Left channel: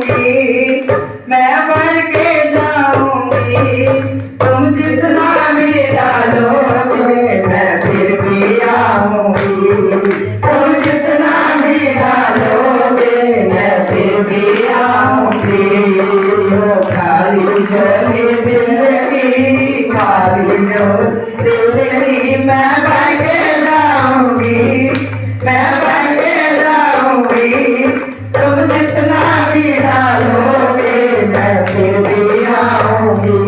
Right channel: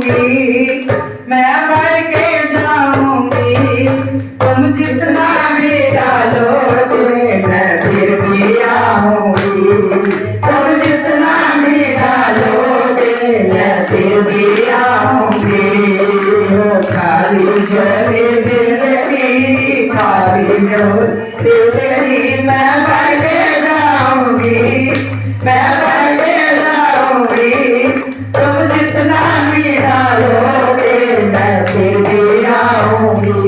जाऊंगी, मैं भर के जाऊंगी। तुम जितना भी डालोगे मैं फिर भी आऊंगी। तुम जितना भी डालोगे मैं फिर भी आऊंगी। खाली झोली दिल की, खाली झोली दिल की, मैं भर के जाऊंगी, मैं भर के जाऊंगी। तुम जितना भी डालोगे मैं फिर भी आऊंगी।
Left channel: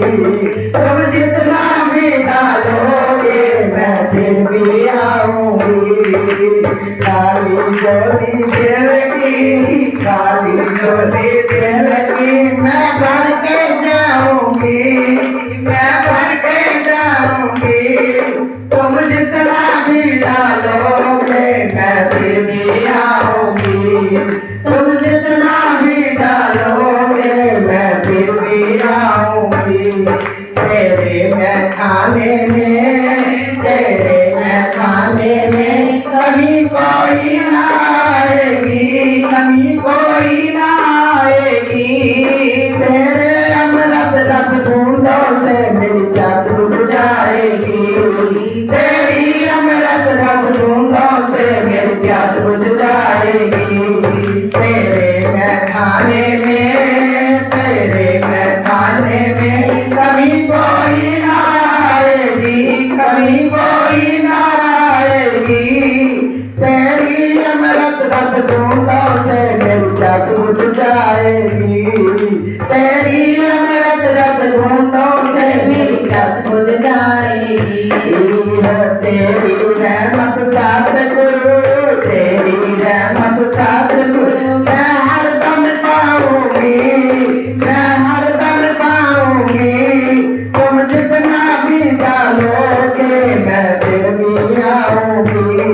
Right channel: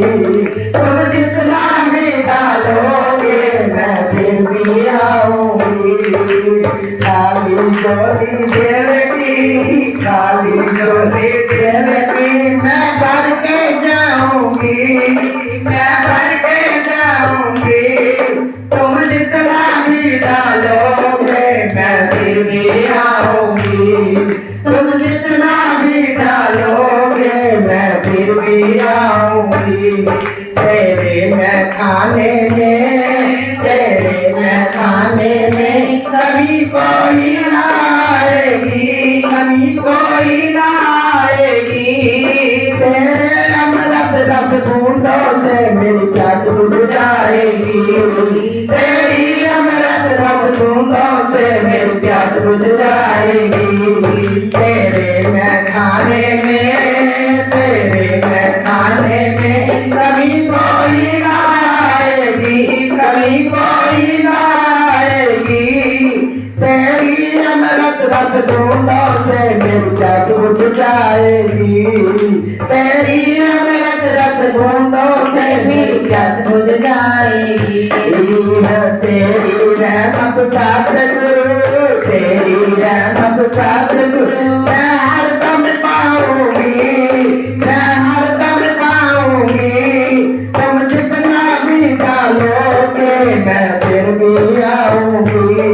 तुम जितना भी डालोगे मैं फिर भी आऊंगी। खाली झोली दिल की, खाली झोली दिल की, मैं भर के जाऊंगी, मैं भर के जाऊंगी। तुम जितना भी डालोगे मैं फिर भी आऊंगी। तुम जितना भी डालोगे मैं फिर भी आऊंगी। तेरे मैं खाने में, तेरे मैं खाने में कभी कोई ना आएगी, कभी कोई ना आएगी। तेरे अमृत रस बूंदों से मेरी प्यास बुझ जाएगी। तेरी अमृत रस बूंदों से मेरी प्यास बुझ जाएगी। तेरे मैं खाने में, तेरे मैं खाने में कभी कोई ना आएगी, कभी कोई ना आएगी। तेरी अमृत रस बूंदों से मेरी प्यास बुझ जाएगी। तेरी अमृत रस बूंदों से मेरी प्यास बुझ जाएगी। तेरी रहमत सतगुरु, तेरी रहमत सतगुरु, मैं हरदम पाऊंगी, मैं हरदम पाऊंगी। तुम जितना भी डालोगे मैं फिर भी आऊंगी।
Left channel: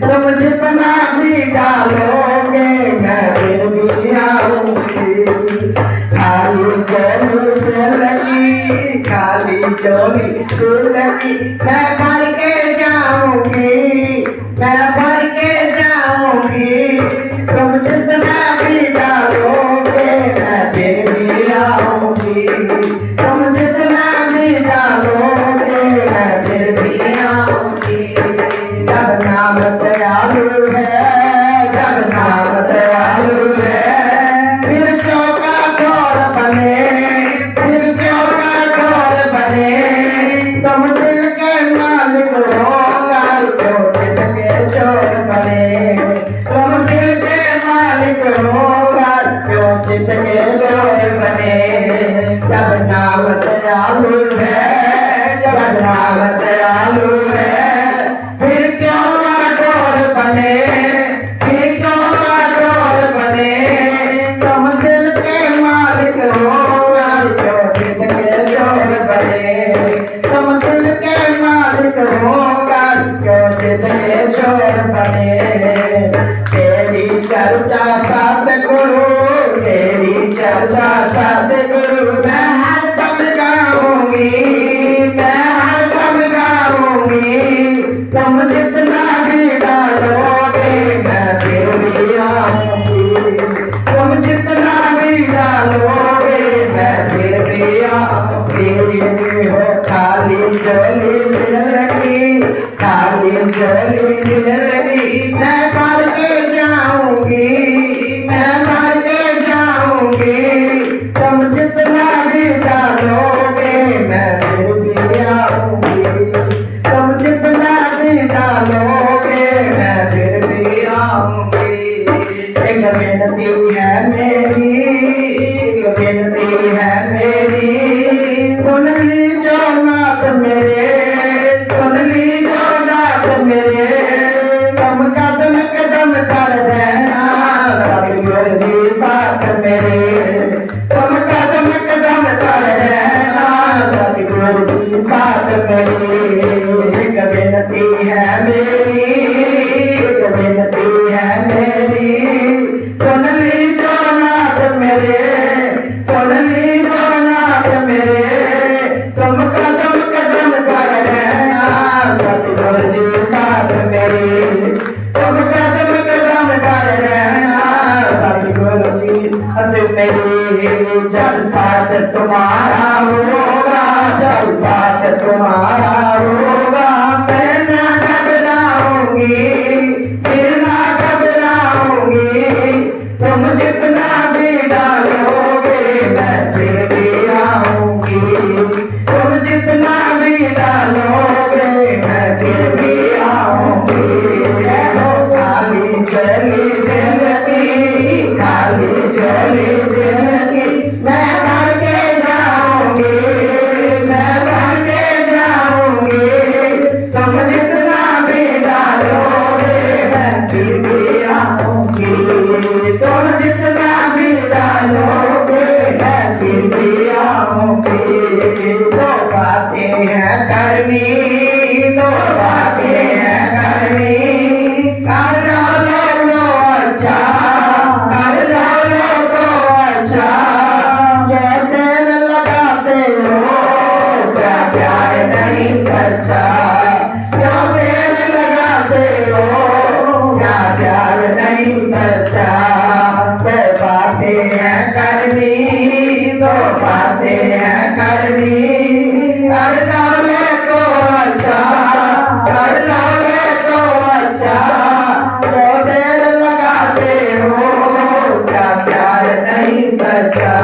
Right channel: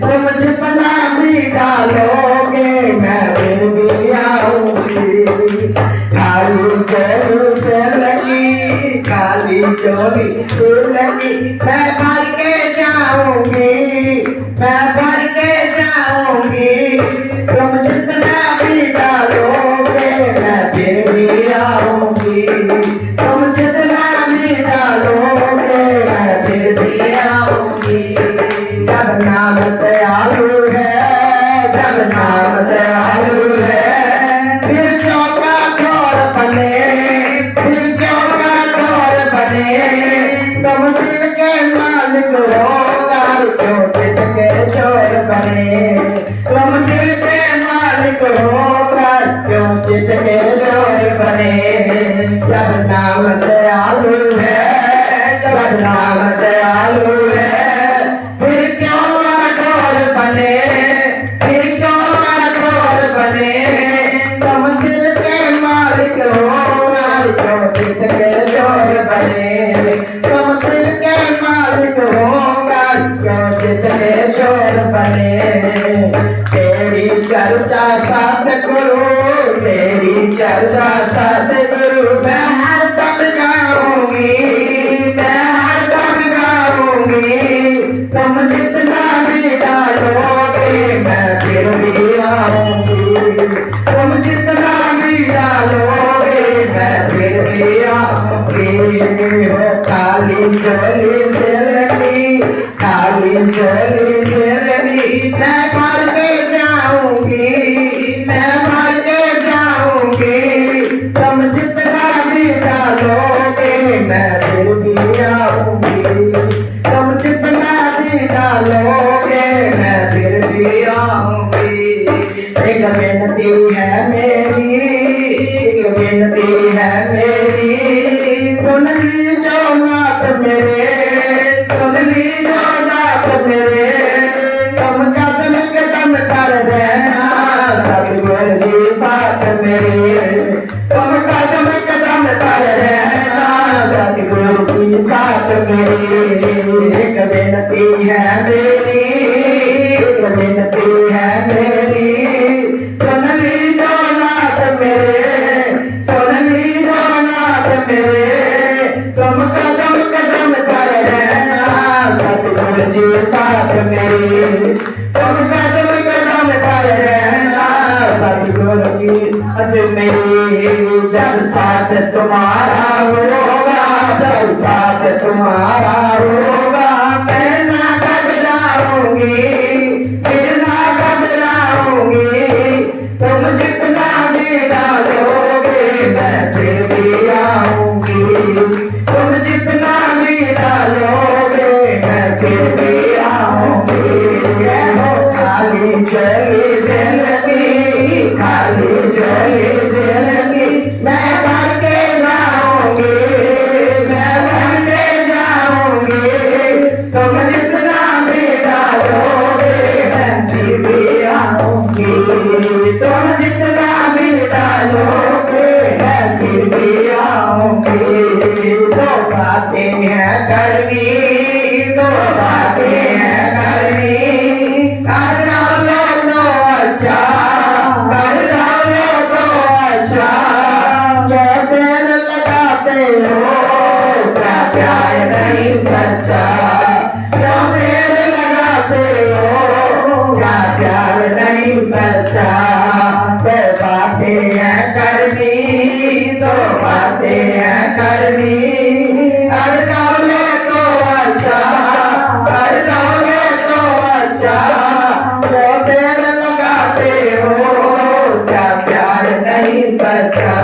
तुम जितना भी डालोगे मैं फिर भी आऊंगी। खाली झोली दिल की, खाली झोली दिल की, मैं भर के जाऊंगी, मैं भर के जाऊंगी। तुम जितना भी डालोगे मैं फिर भी आऊंगी। तुम जितना भी डालोगे मैं फिर भी आऊंगी। जब नाम दयालु है, जब नाम दयालु है, फिर क्यों का घोर बने, फिर क्यों का घोर बने। तुम दिल के मालिक होकर क्यों चित के चोर बने। तुम दिल के मालिक होकर क्यों चित के चोर बने। जब नाम दयालु है, जब नाम दयालु है, फिर क्यों घोर बने, फिर क्यों घोर बने। तुम दिल के मालिक होकर क्यों चित के चोर बने। तुम दिल के मालिक होकर क्यों चित के चोर बने। तेरी चर्चा सतगुरु, तेरी चर्चा सतगुरु, मैं हरदम गाऊंगी, मैं हरदम गाऊंगी। तुम जितना भी डालोगे मैं फिर भी आऊंगी। तुम जितना भी डालोगे मैं फिर भी आऊंगी। हो खाली झोली दिल की, खाली झोली दिल की, मैं भर के जाऊंगी, मैं भर के जाऊंगी। तुम जितना भी डालोगे मैं फिर भी आऊंगी। तुम जितना भी डालोगे मैं फिर भी आऊंगी। एक विनती है मेरी, मेरे जब साथ तुम्हारा होगा, जब साथ तुम्हारा होगा, मैं ना घबराऊंगी, फिर ना घबराऊंगी। तुम जितना भी डालोगे मैं फिर भी आऊंगी, तुम जितना भी डालोगे मैं फिर भी आऊंगी। खाली चली जिंदगी, खाली चली जिंदगी, मैं भर के जाऊंगी, मैं भर के जाऊंगी। तुम जितना भी डालोगे मैं फिर भी आऊंगी, तुम जितना भी डालोगे मैं फिर भी आऊंगी। दो बातें हैं करनी, दो बातें हैं करनी, कर डालो तो अच्छा, कर डालो तो अच्छा। जो दिल लगाते हो क्या प्यार नहीं सच्चा, जो दिल लगाते हो क्या प्यार नहीं सच्चा। दो बातें हैं करनी, दो बातें हैं करनी, कर डाले तो अच्छा, कर डाले तो अच्छा। जो दिल लगाते हो क्या प्यार नहीं सच्चा,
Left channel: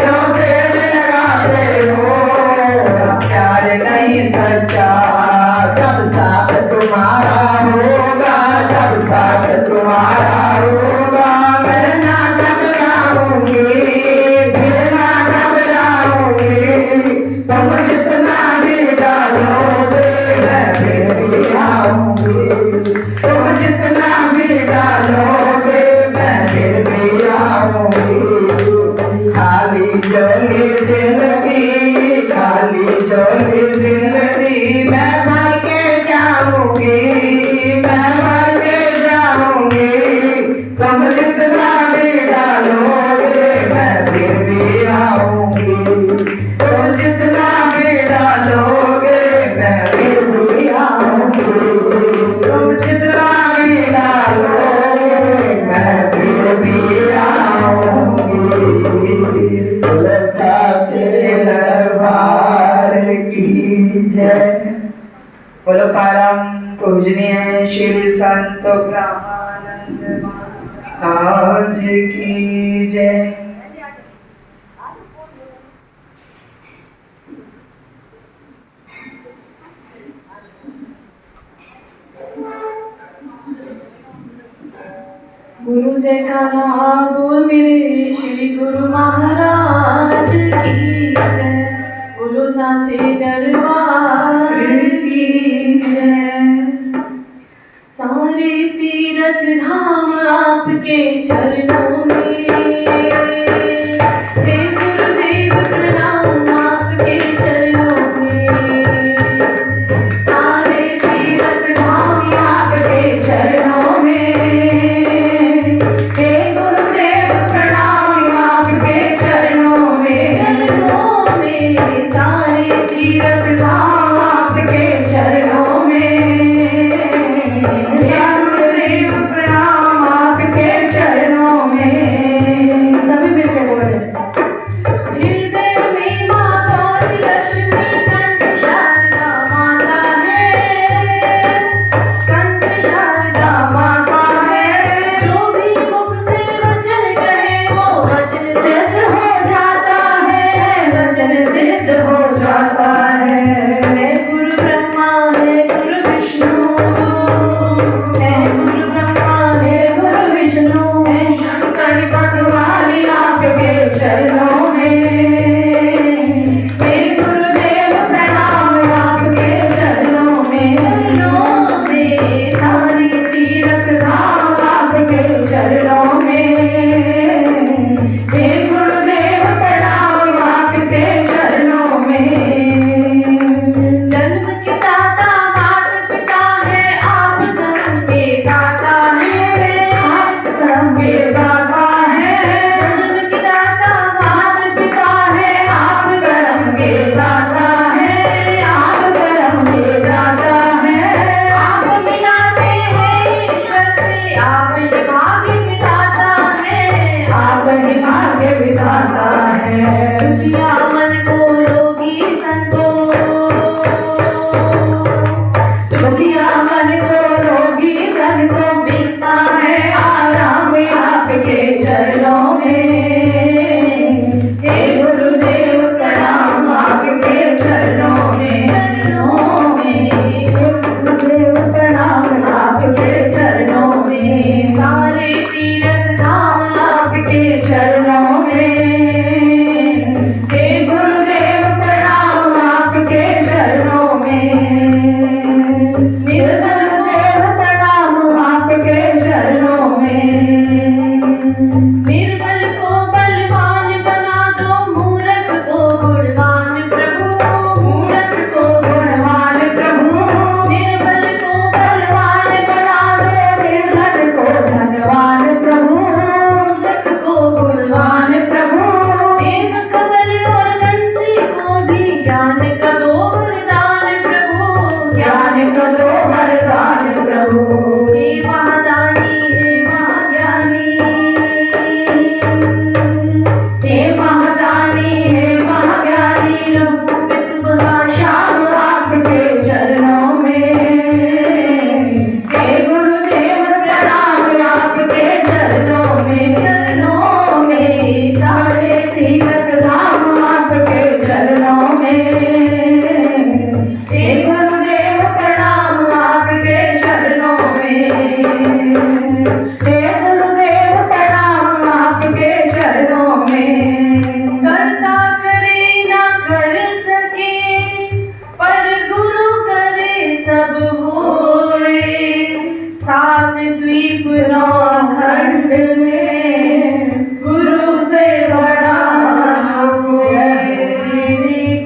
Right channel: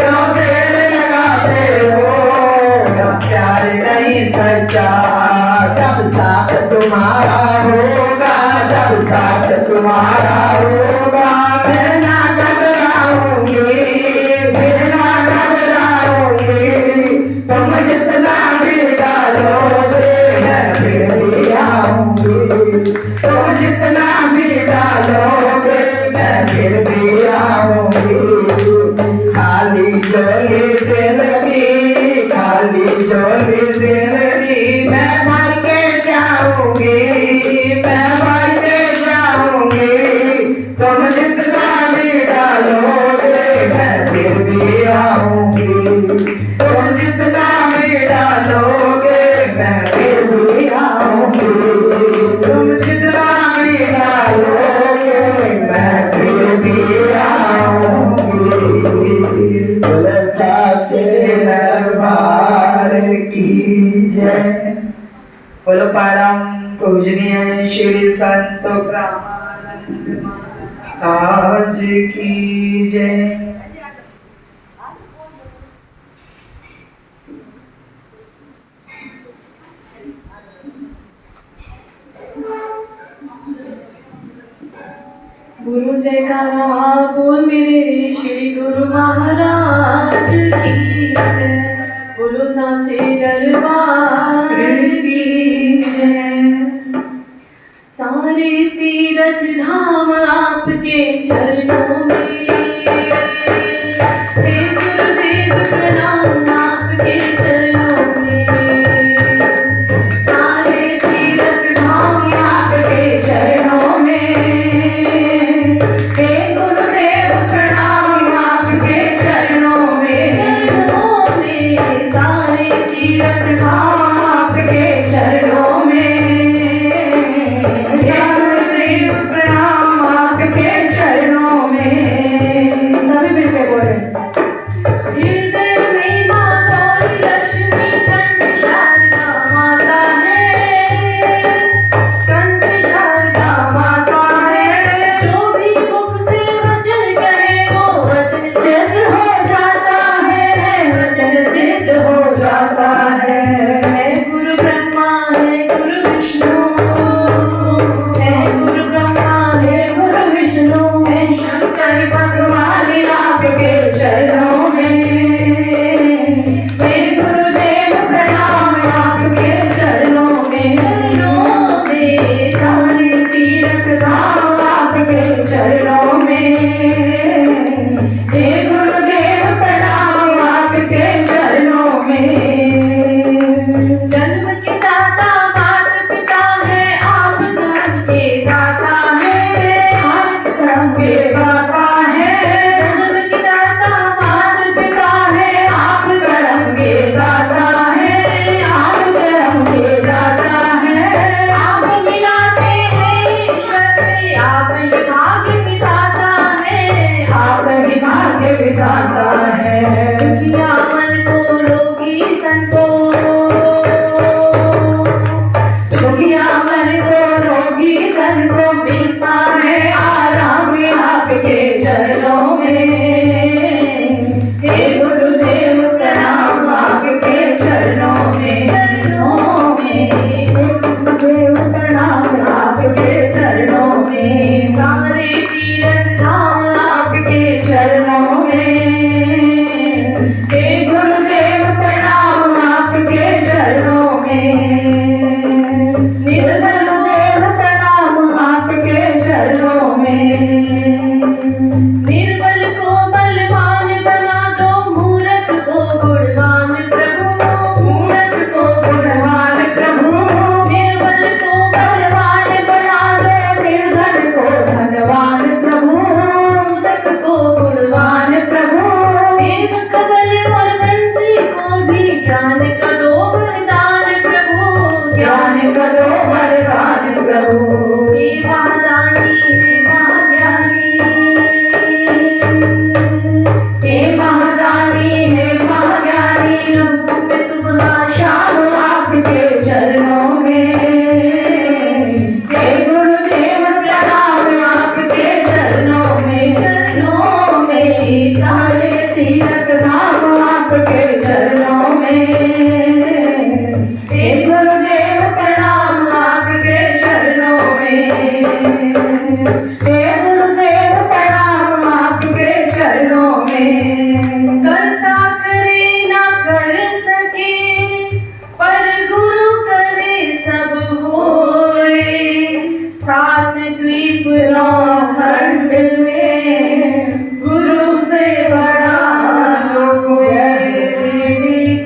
जो दिल लगाते हो प्यार नहीं सच्चा। जब साथ तुम्हारा होगा, जब साथ तुम्हारा होगा, मैं ना घबराऊंगी, फिर ना घबराऊंगी। तुम जितना भी डालोगे मैं फिर भी आऊंगी, तुम जितना भी डालोगे मैं फिर भी आऊंगी। खाली चली जिंदगी, खाली चली जिंदगी, मैं भर के जाऊंगी, मैं भर के जाऊंगी। तुम जितना भी डालोगे मैं फिर भी आऊंगी, तुम जितना भी डालोगे मैं फिर भी आऊंगी, तुम जितना भी डालोगे मैं फिर भी आऊंगी। बोलो साचे दरबार की जय। बोलो परम पूजनीय श्री संत ब्रह्मानंद महाराज की जय। गुरु जयकारा बोल मेरे श्री गुरु महाराज की जय। बोलो साचे दरबार की जय। सारे तीर्थ धाम आपके चरणों में, चरणों में। हे गुरुदेव प्रणाम आपके चरणों में। निर्बल देव प्रणाम आपके चरणों में। निर्बल को बलवान बना दो, मूर्ख को गुणवान प्रभु। मूर्ख को गुणवान प्रभु। निर्बल को बलवान बना दो, निर्धन को धनवान प्रभु। मूर्ख को गुणवान प्रभु। देव कमल और बंसी को भी ज्ञान का दो वरदान प्रभु। ज्ञान का दो वरदान प्रभु। हे महादानी हे महाज्ञानी, हे महादानी हे महाज्ञानी, प्रभु में सुबह शाम आपके चरणों में। हे गुरुदेव प्रणाम आपके चरणों में। चरणों में सारे तीर्थ धाम आपके चरणों में। हे गुरुदेव प्रणाम आपके चरणों में। हे गुरुदेव प्रणाम आपके चरणों में। करता करे ना कर सके, पर गुरु करे सब होए। सात द्वीप नौ खंड में गुरु से बड़ा कोई,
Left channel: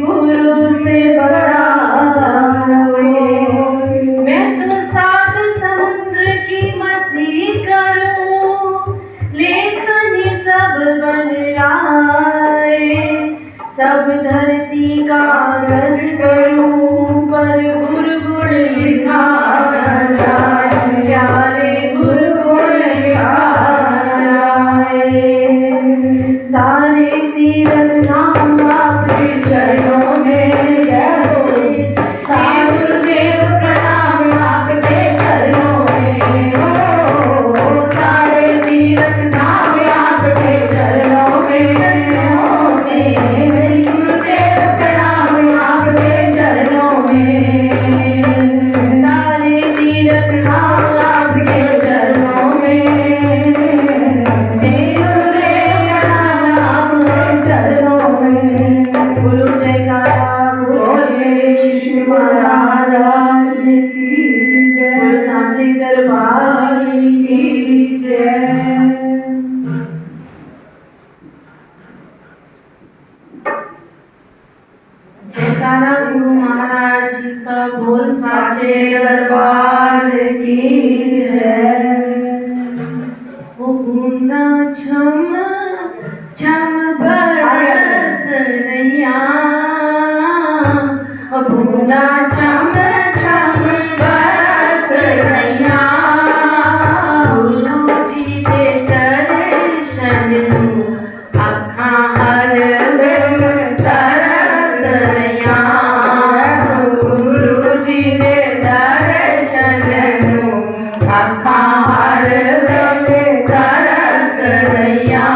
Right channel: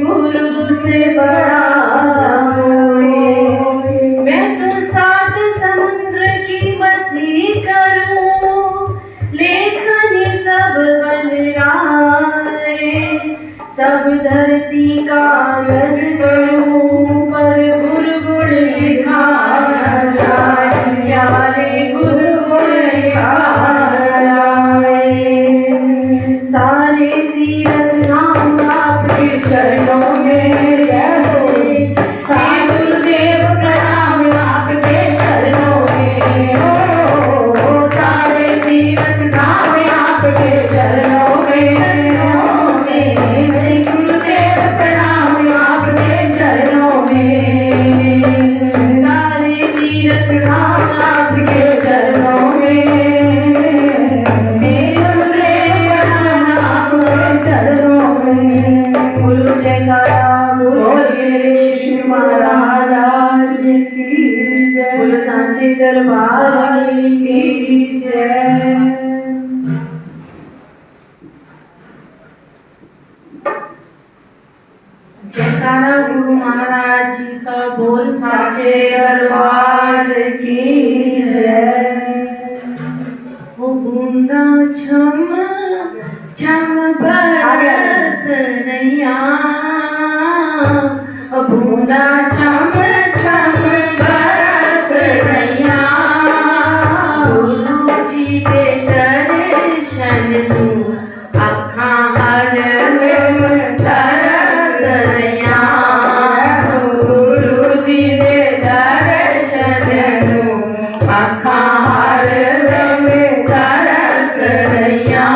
गुरु से बड़ा कोई। मैं तो सात समुद्र की मसी करूं, लेखन सब बन राय। सब धरती कागज करूं, पर गुरु गुण लिखा न जाए। प्यारे गुरु गुण लिखा न जाए। सारे तीर्थ धाम आपके चरणों में। हे गुरुदेव प्रणाम आपके चरणों में। हो सारे तीर्थ धाम आपके चरणों में। हे गुरुदेव प्रणाम आपके चरणों में। सारे तीर्थ धाम आपके चरणों में। हे गुरुदेव प्रणाम आपके चरणों में। बोलो जयकारा बोलिए शिशु महाराज की जय। बोलो सांची दरबार की जय। जयकारा गुरु महाराज जी का, बोल सांचे दरबार की जय। ओ बूंदा छम छम बरस रैया, ओ बूंदा छम छम बरस रैया। गुरु जी के दर्शन नूं अखां हर वेल तरस रैया। गुरु जी के दर्शन नूं अखां हर वेले तरस रैया।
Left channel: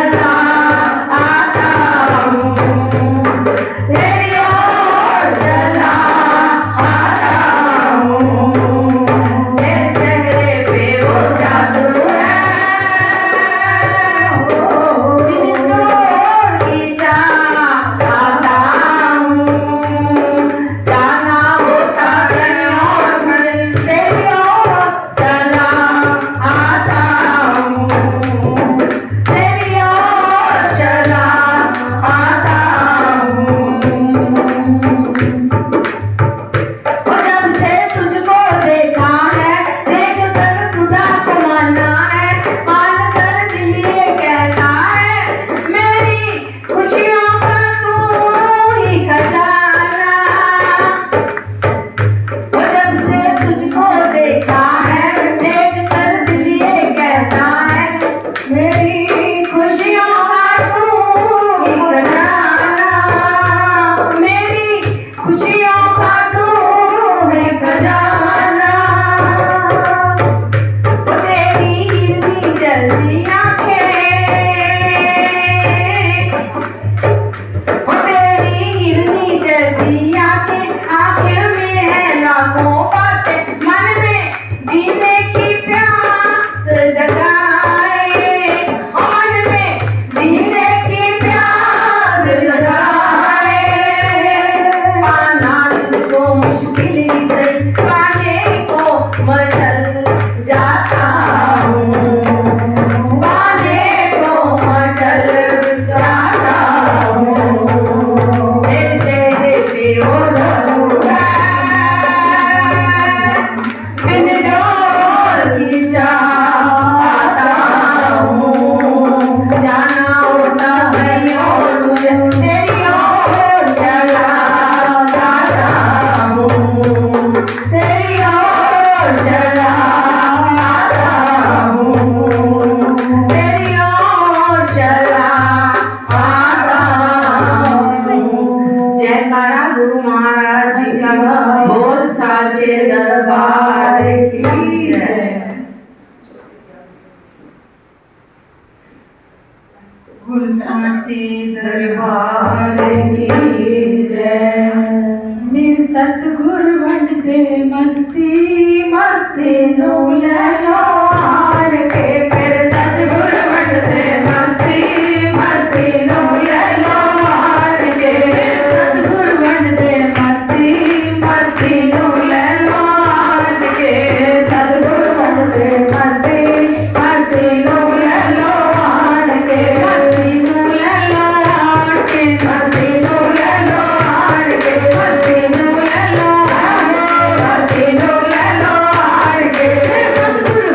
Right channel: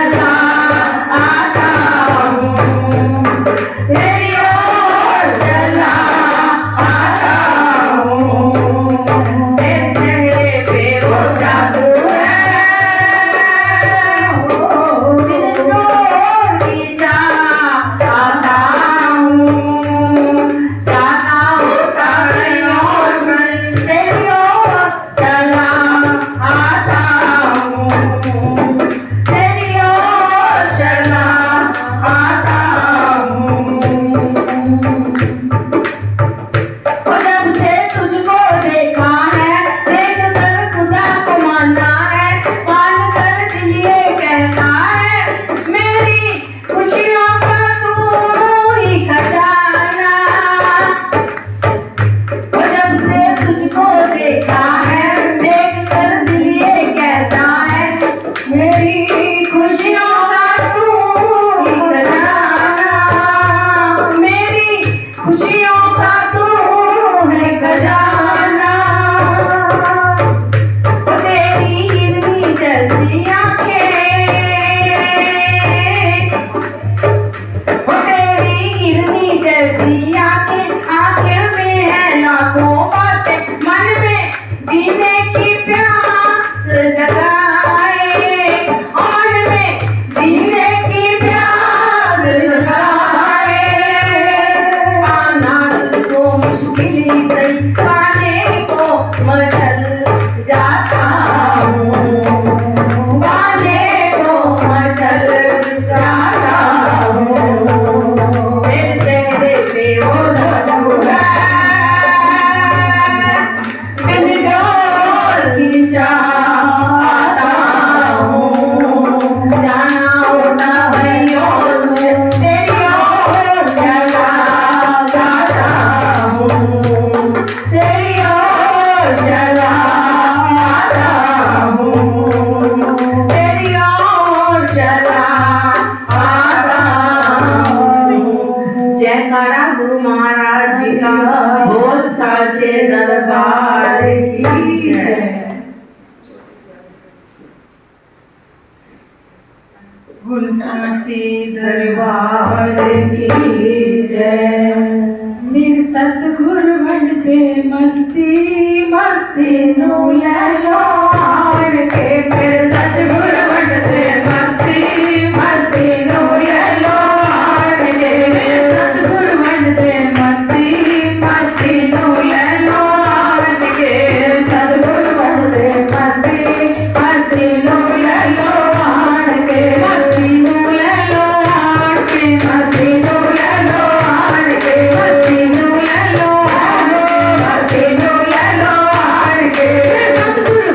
चला आता हूँ, तेरी ओर चला आता हूँ। तेरे चेहरे पे वो जादू है, तेरी ओर खींचा आता हूँ। जाना होता है और मैं तेरी ओर चला आता हूँ, तेरी ओर चला आता हूँ। जब से तुझको देखा है, देख कर खुदा को माना है, मान कर दिल ये कहता है, मेरी खुशियों का तू ही खजाना। जब से तुझको देखा है, देख कर दिल ये कहता है, मेरी खुशियों का तू ही खजाना, मेरी खुशियों का तू है खजाना। तेरी हिरनी जैसी आंखें, तेरी हिरनी जैसी आंखें, आंखें में है लाखों बातें, मन में जीने की प्यास जगाए, मन में जीने की प्यास जगाए। पाना तुझको मुश्किल ही सही, पाने को मचल जाता हूँ, पाने को मचल जाता हूँ। तेरे चेहरे पे वो जादू है, बिन डोर खींचा आता हूँ। जाना होता है और मैं तेरी ओर चला आता हूँ, तेरी ओर चला आता हूँ, तेरी ओर चला आता हूँ। जयकारा गुरु महाराज जी का, बोल साचे दरबार की जय। गुरु साचे दरबार की जय। मेरे सतगुरु वंडते मस्ती मस्ती नू ले लो आन के। मेरे सतगुरु वंडते मस्ती मस्ती नू ले लो आन के। मेरे सतगुरु वंडते मस्ती मस्ती नू ले लो आन के। सतगुरु वंडते मस्ती मस्ती नू ले लो आन के। मस्ती नू ले लो आन के। मस्ती नू ले लो आन के। मस्ती नू ले लो आन के। मस्ती नू ले लो आन के। मेरे सतगुरु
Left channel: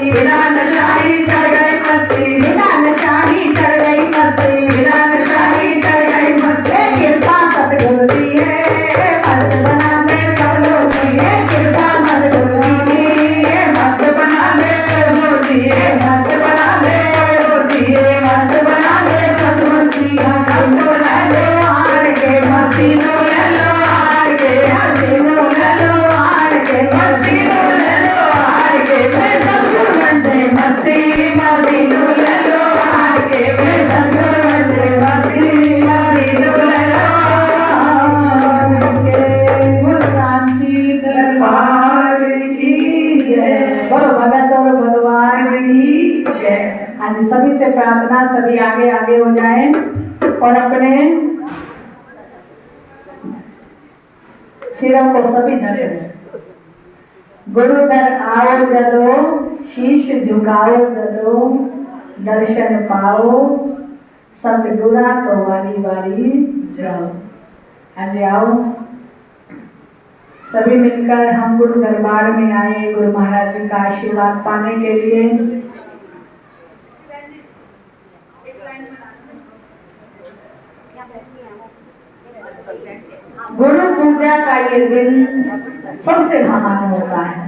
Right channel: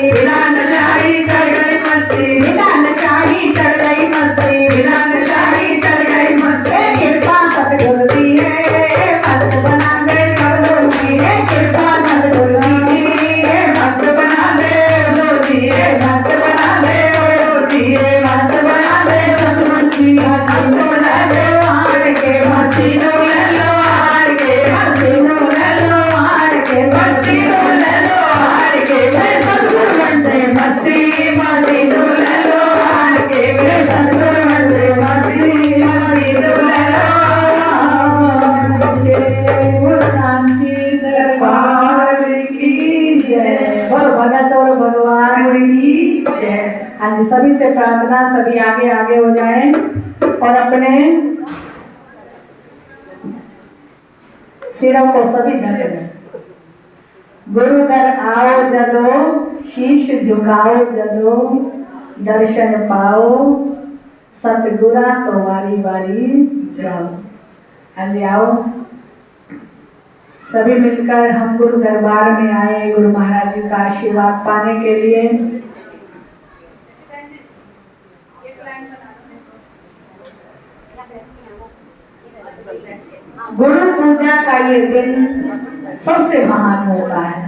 बिना नशाई चढ़ गई मस्ती, बिना नशाई चढ़ गई मस्ती, बिना नशाई चढ़ गई मस्ती। कृपा सतगुरु की है मस्त बना दे सब लोग की है, कृपा सतगुरु की है मस्त बना दे लोग की है, मस्त बना दे लोग की है, मस्त बना दे सतगुरु जी मस्त बना दे। हार के मस्ती लो ले लो, हार के मस्ती लो ले लो, हार के मस्ती लो ले लो, हार के मैं सतगुरु बनते मस्ती मस्ती लो ले लो, हार के मैं सतगुरु बनते मस्ती मस्ती लो ले लो। बोल सांची दरबार की जय, बोलो भगत और भगवान की जय। आज सभी से प्रार्थना, सभी आगे आगे हो जाएं और अपने सिरों को सभी धरें। गुरु दर आओ जदो, शीश झुकाओ जदो, दर्शन पाओ सतगुरा तो वारी वारी जाओ। आज आओ सभी मिलकर हम गुरु दरबार में आए गुरु महाराज जी का आशीर्वाद पाने के लिए। गुरु पूजा का ये दिन सबसे महान होता है।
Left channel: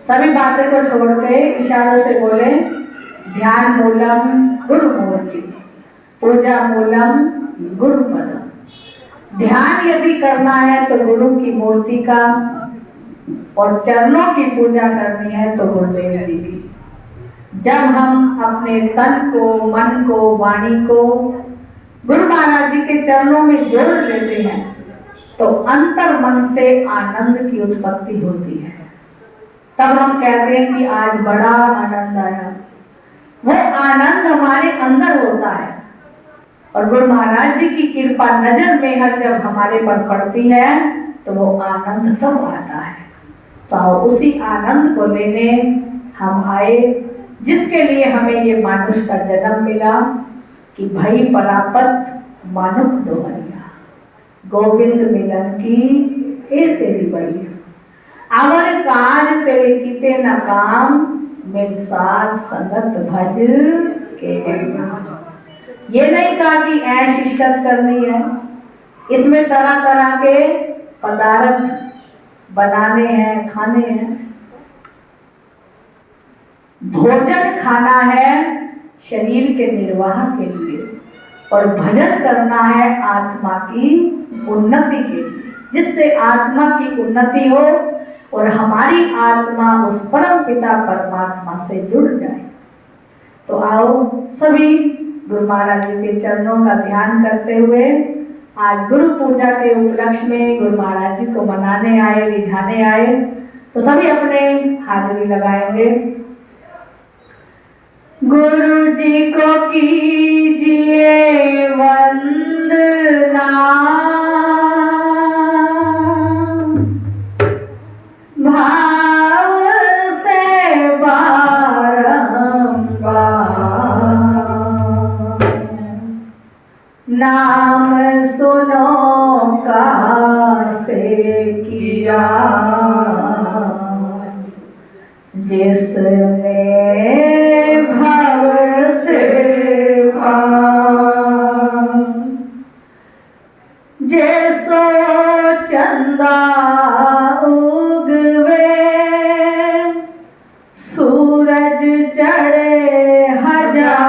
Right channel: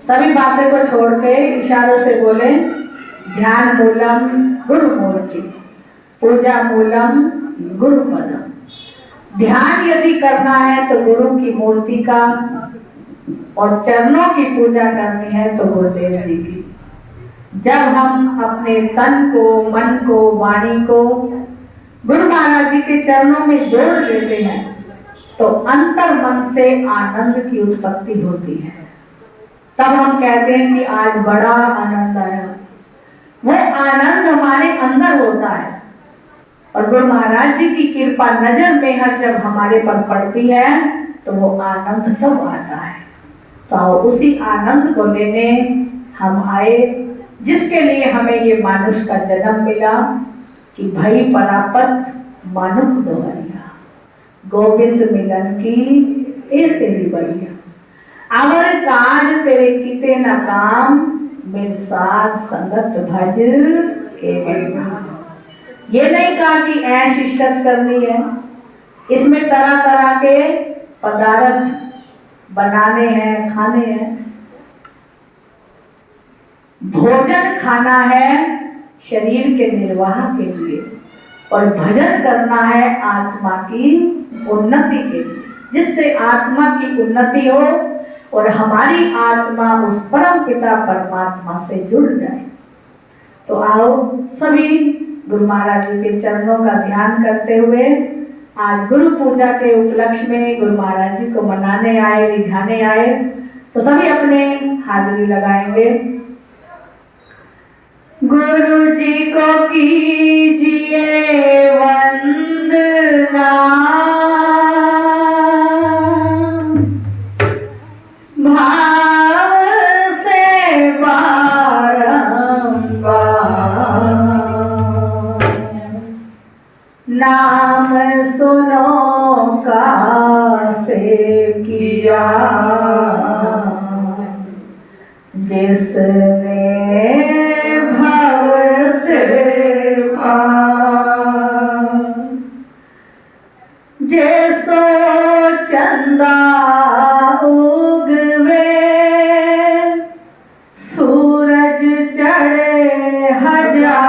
सभी बातें को छोड़ के इशारों से बोले, ध्यान मूलम गुरु मूर्ति, पूजा मूलम गुरु पदम। ध्यान यदि करना है तो गुरु की मूर्ति का, और चरणों की पूजा करनी है तो गुरुदेव जी की। जब हम अपने तन को, मन को, वाणी को गुरु महाराज जी के चरणों में जोड़ लेते हैं तो अंतर मन से आनंद की उत्पत्ति होती है। तब हम कहते हैं कि आज बड़ा आनंद आया। वो आनंद हमारे अंदर होता है और गुरु महाराज जी की कृपा नजर मेहर जब हमारे पर पड़ती है तो वो आनंद तब आता है। तो उसी आनंद को लेने हम आए, जिसके लिए हमें ये मानुष का जन्म मिला कि भई परापत मानुष दोहरिया, गोविंद मिलन की ए तेरी बढ़िया। अवर काज तेरे कीते न काम, मेरे साथ संगत भज के बढ़िया। ये नहीं कहा कि ऐश इज्जत करनी है, इसमें तरह तरह के पदार्थ बनाने हैं, खाने हैं। भोजन खाना है शरीर के निर्वाह के लिए और भजन करना है आत्मा की उन्नति के लिए, जिससे आत्मा की उन्नति हो और हमारी आत्मा उस परम पिता परमात्मा से जुड़ जाए। तो आओ सभी गुरु महाराज जी के चरणों का ध्यान करते हुए आज गुरु पूजा के उपलक्ष्य में गुरु महाराज जी को मनाने आए, रिझाने आए, तो सभी अपने हाजिरी लगाएंगे। गुरु जी को कीजिए वंदना, भाव से बारंबार, नाम सुनो कासे किया, जिसने जैसो चंदा उगवे, सूरज चढ़े हजार,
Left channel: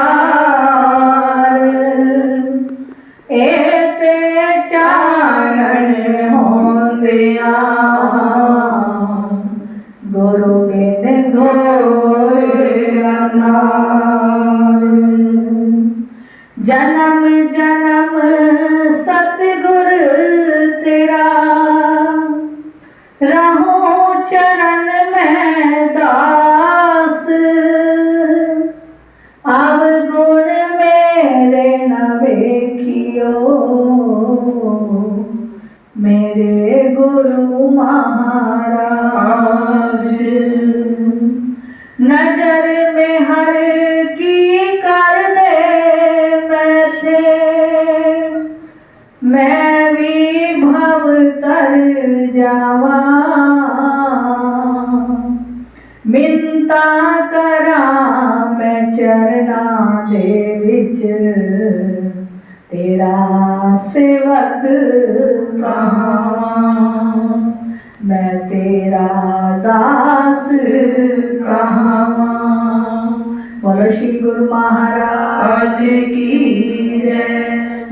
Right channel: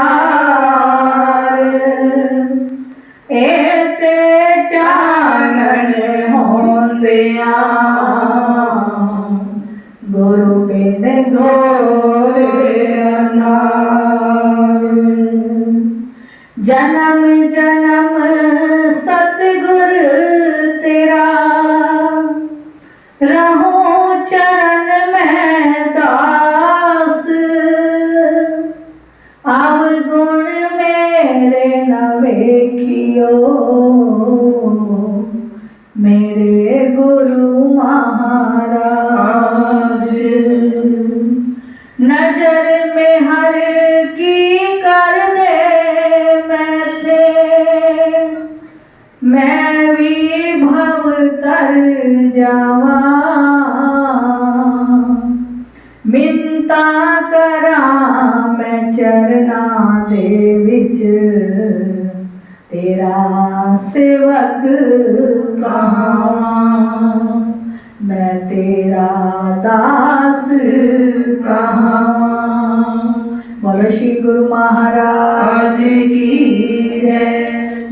एते चानन होंदिया, गुरु बिन घोर अंधार। जन्म जन्म सतगुर तेरा रहूं ਦੇ ਵਿੱਚ ਤੇਰਾ ਸੇਵਕ ਕਹਾਂ, ਮੈਂ ਤੇਰਾ ਦਾਸ ਕਹਾਂ। बोलो श्री गुरु महाराज की जय,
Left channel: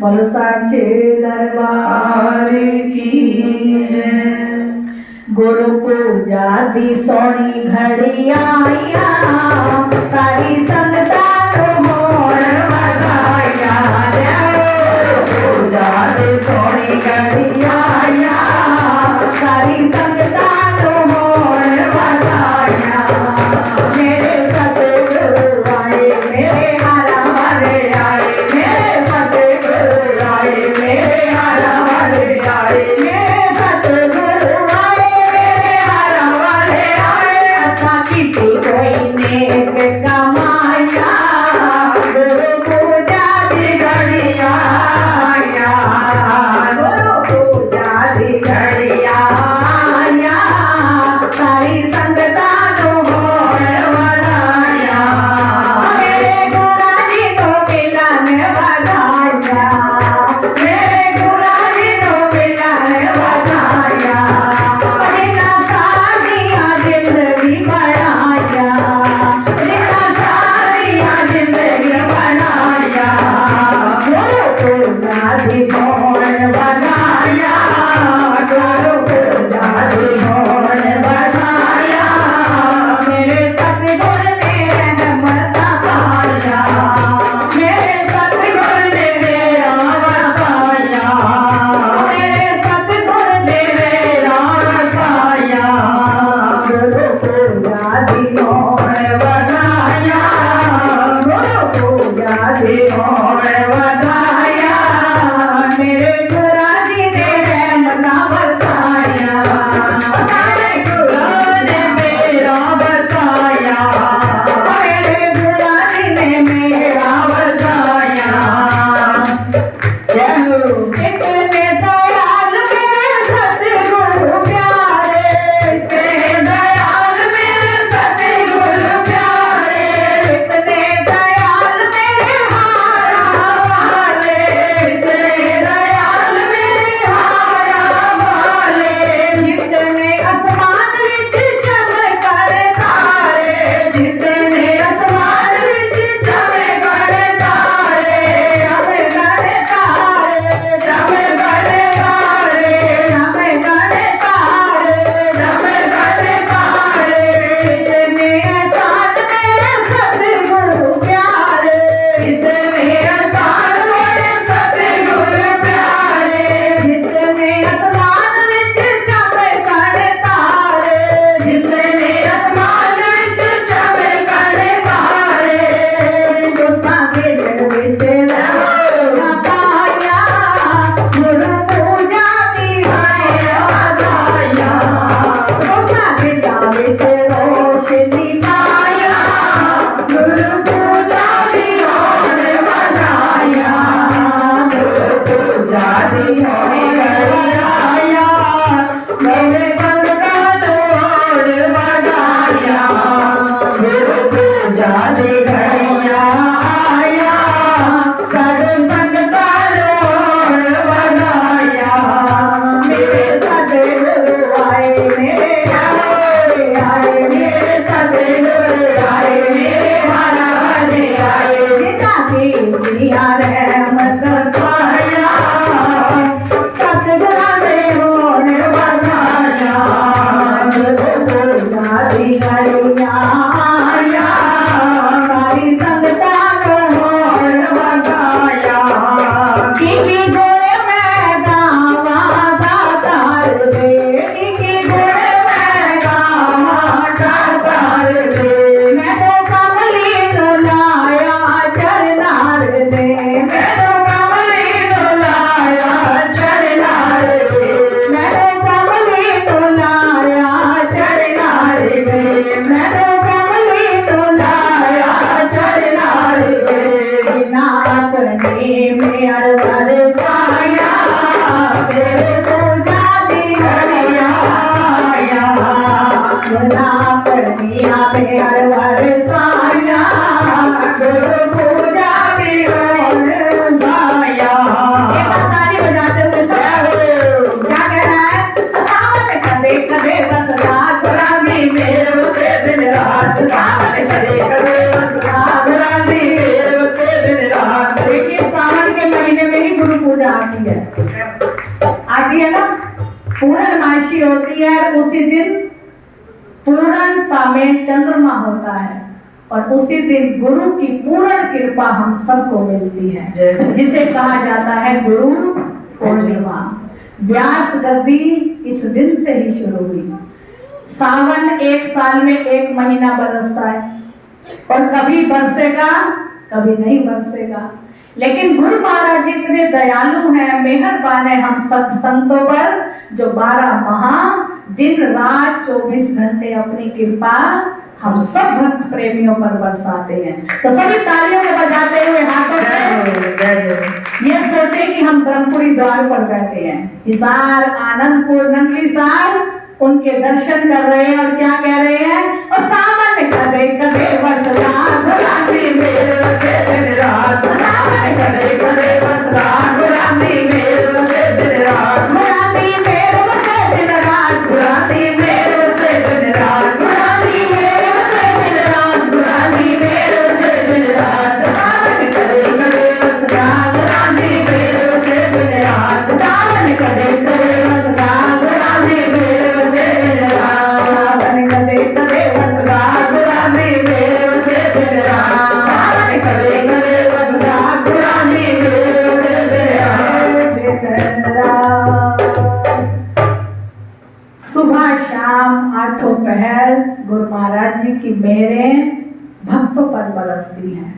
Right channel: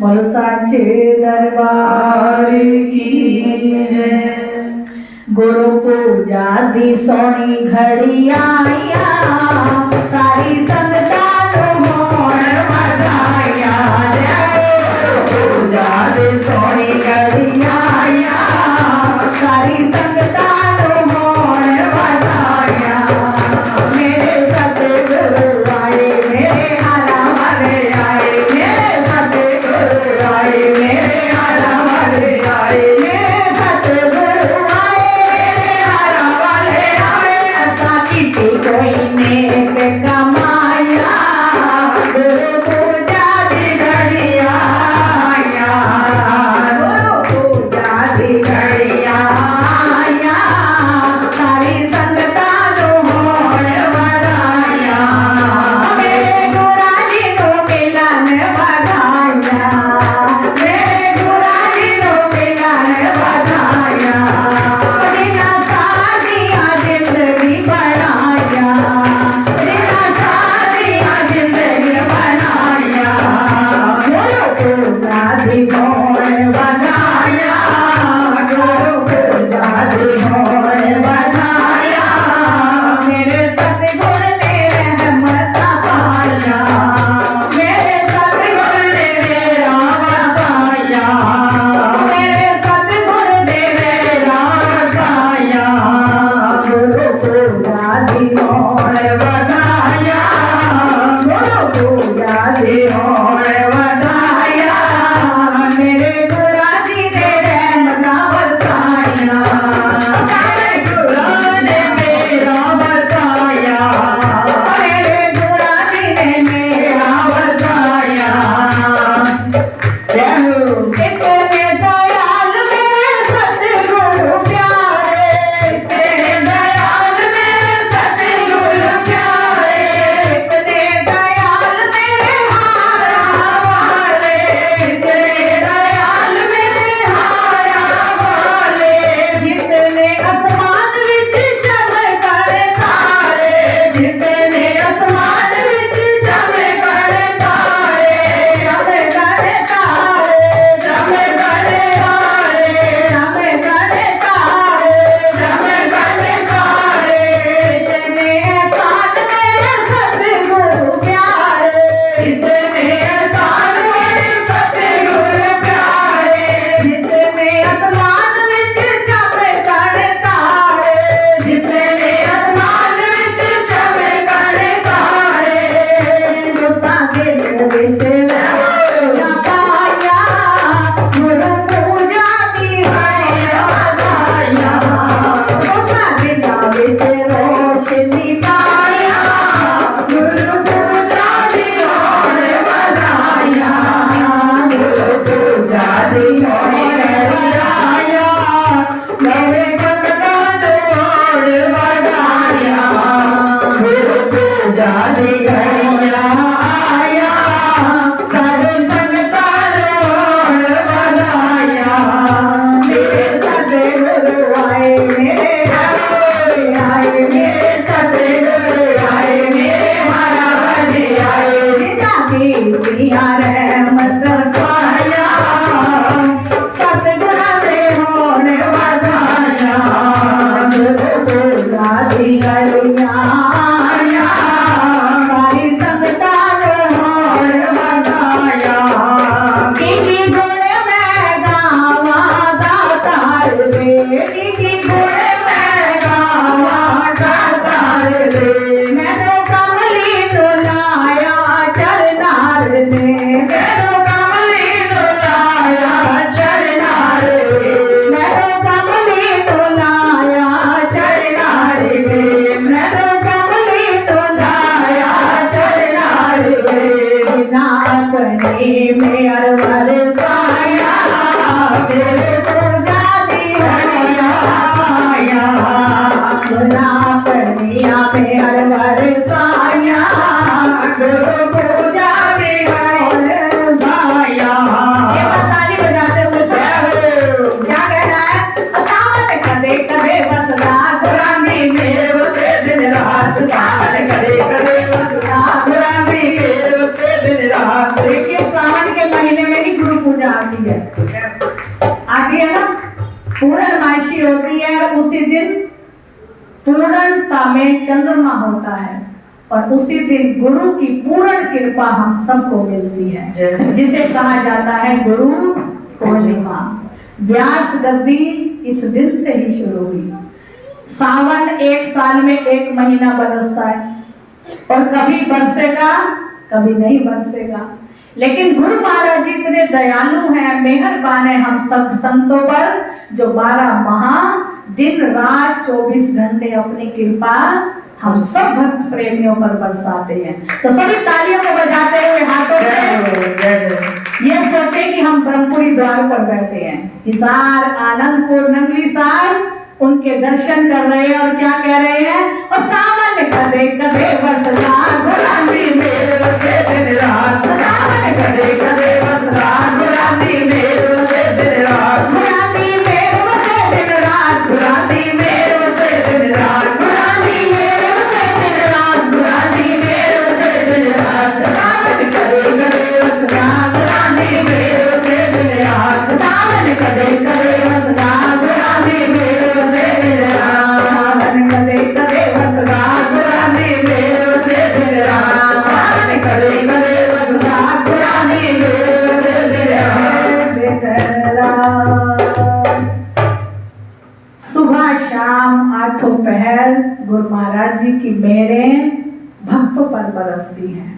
बोलो साचे दरबार की जय। गुरु पूजा दी सोनी घड़ी आया, सारी संगतां नूं होण वधाया। गुरु पूजा दी सोनी घड़ी आया, सारी संगतां नूं होण वधाया। मेरे सतगुरु आए, मेरे हारा वाले आए, मेरे सतगुरु आए, मेरे हारा वाले आए, मेरे सतगुरु आए, मेरे हारा वाले आए। असा कीती कोई नेक कमाया, गुरु पूजा दी घड़ी आया, गुरु पूजा दी घड़ी आया, सारी संगतां नूं होण वधाया। मेरे गुरा जी नूं मिलन वधाया, मेरे गुरा जी नूं मिलन वधाया। जिन्हां सादियां जिंदगी बनाया, जिन्हां सादियां जिंदगी बनाया। गुरु पूजा दी होण वधाया, गुरु पूजा दी होण वधाया। मेरे सतगुर ने रहमत पाया, मेरे सतगुर ने मेरा वसाया, मेरे सतगुर ने मेरा वसाया। गुरु पूजा दी होण वधाया, गुरु पूजा दी होण वधाया। मेरे गुरा जी ने रहमत वसाया, मेरे गुरा ने मेरा वसाया, मेरे गुरा जी ने मेरा वसाया। कितने दयाल मेरे सतगुरु प्यारे, कितने दयाल मेरे सतगुरु प्यारे, कितने दयाल मेरे हारा वाले, कितने दयाल मेरे हारा वाले। जितने आसमान विच चमकण तारे, जितने आसमान विच चमकण तारे, चमकण तारे, चमकण तारे, चमकण तारे, चमकण तारे। कितने आसान मेरे सतगुरु प्यारे, कितने आसान मेरे सतगुरु प्यारे। जितने आसमान विच चमकण तारे, जितने आसमान विच चमकण तारे। तुसां दिल विच लगा पाया, गुरु पूजा दी घड़ी वधाया। तुसां दिलां विच रोशनी पाया, गुरु पूजा दी होण वधाया। गुरु पूजा दी सोनी घड़ी आया, मेरे संगतां नूं होण वधाया। गुरु पूजा दी घड़ी आया, सारी संगतां नूं होण वधाया। मेरे सतगुरु आए, मेरे हारे आए, मेरे सतगुरु आए, मेरे हारा वाले आए। जिन्हां दी दुनिया रहमत वसाया, सतगुरां दे होण वधाया। गुरु पूजा दी घड़ी आया, सारी संगतां नूं होण वधाया। की गुण मैं गावां दातार दे, की गुण मैं गावां दातार दे। मैनूं कमली नूं लाया चरनार ने, मैनूं कमली नूं लाया चरनार ने, मैनूं कमली नूं लाया चरनार ने, मैनूं कमली नूं लाया चरनार ने। जिन्हां अपने मेहर वरसाया, मेरे पूजा दी घड़ी आया। जिन्हां अपने मेहर वरसाया, गुरु पूजा ईयर उसी दिन पूर्णता में चंद्रमा होता है और उसी दिन गुरु की पूर्ण कृपा हम सबको मिलती है, जिसे कहा जाता है गुरु पूर्णिमा। व्यास गद्दी इस दिन से ही शुरू हुई। सावन एक साल में एक महीना बरसता है और कभी बरसेगा कभी नहीं बरसेगा, लेकिन गुरु महाराज जी इतने दयालु हैं, मेहरबान है हम सब संतों पर, जो 12 माह दिन रात 24 घंटे अपनी कृपा हम सब भक्त प्रेमियों पर बरसाते हैं। तो सभी तालियों को बजाते हुए हाथों से ये सोचे कि हम ब्रह्मपुरी द्वार पर बैठे हैं, हिसार आनंदपुर नगरी सार उनके दर्शन कर रहे हैं और क्या कह रहे हैं, और सावन कदे कदे बरसता गुलाबी मेल बरसे दिन रात, सावन कदे कदे बरसता गुलाबी मेल बरसे दिन रात, गुलाबी मेल बरसे दिन रात, गुलाबी मेल बरसे दिन रात, गुलाबी मेल बरसे दिन रात, गुलाबी मेल बरसे दिन रात, सावन कदे कदे बरसता गुलाबी मेल बरसे दिन रात, सावन कदे कदे बरसता गुलाबी मेल बरसे दिन रात, सावन कदे कदे बरसता गुलाबी मेल बरसे दिन रात, सावन कदे कदे बरसता गुलाबी मेल बरसे दिन रात। सुबह शाम आठों पहर गुरु महाराज जी की मेहरें भक्तों पर बरसती हैं,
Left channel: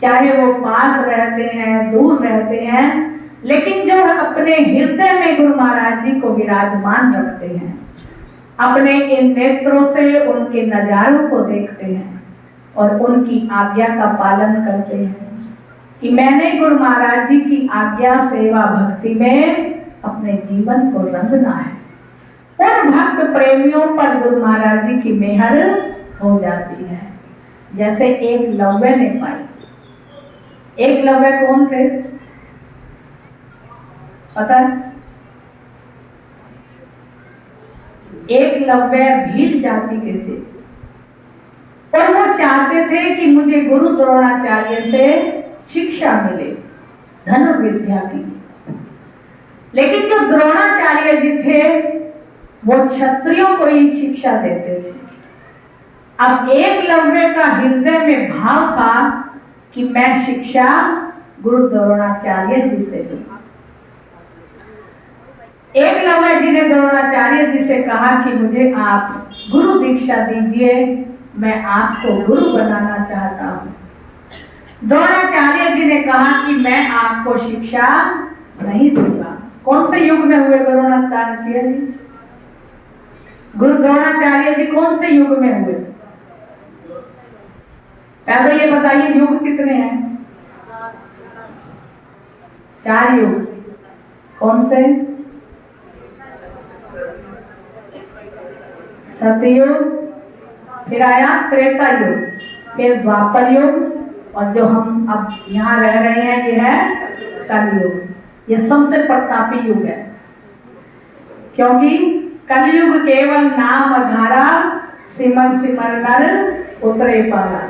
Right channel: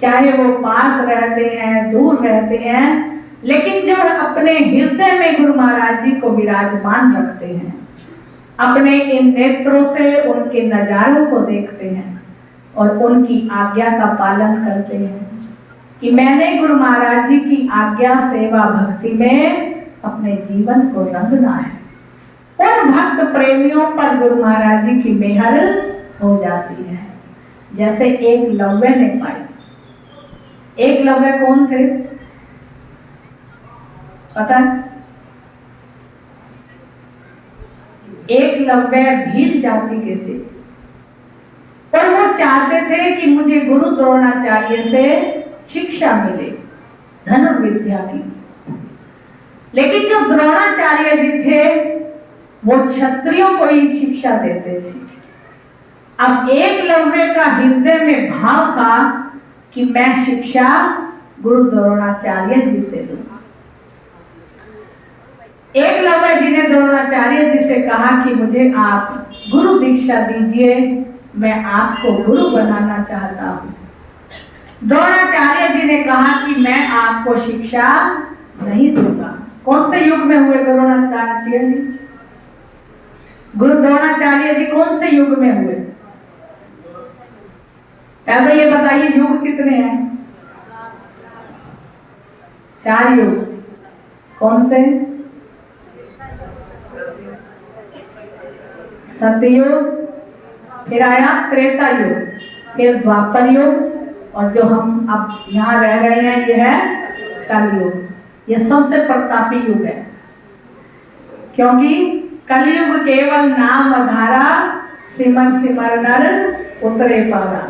चाहे वो पास रहते हैं दूर रहते हैं, लेकिन जो अपने हृदय में गुरु महाराज जी को विराजमान रखते हैं, अपने इन नेत्रों से उनके नजारों को देखते हैं और उनकी आज्ञा का पालन करते हैं कि मैंने गुरु महाराज जी की आज्ञा सेवा भक्ति में अपने जीवन को रंगना है, उन भक्त प्रेमियों पर गुरु महाराज जी की मेहर हो जाती है। जैसे एक लव्य ने पाई। एक लव्य कौन थे पता है? एक लव्य भील जाति के थे और वो चाहते थे कि मुझे गुरु द्रोणाचार्य से शिक्षा मिले धनुर्विद्या की, लेकिन जो द्रोणाचार्य जी थे वो क्षत्रियों को ही शिक्षा देते थे। अब एकलव्य का हृदय में भाव था कि मैं शिक्षा गुरु द्रोणाचार्य जी से लूंगा। एकलव्य जी ने द्रोणाचार्य जी से कहा कि मुझे आप गुरु दीक्षा दीजिए, मैं आपको गुरु बनाना चाहता हूँ। द्रोणाचार्य जी ने कहा कि मैं आपको शिक्षा नहीं दूंगा। कौन से युग में हुए द्रोणाचार्य जी? गुरु द्रोणाचार्य जी कौन से युग में हुए? पहले ये बताइए युग कितने हैं? 4 युग। कौन से? सतयुग, फिर आया त्रेता युग, फिर द्वापर युग, और जो हम अब यहाँ रह रहे हैं ये है कलयुग। ये सबसे प्रतापी युग है, क्योंकि कलयुग केवल नाम अधारा, सिमर सिमर नर उतरे पारा।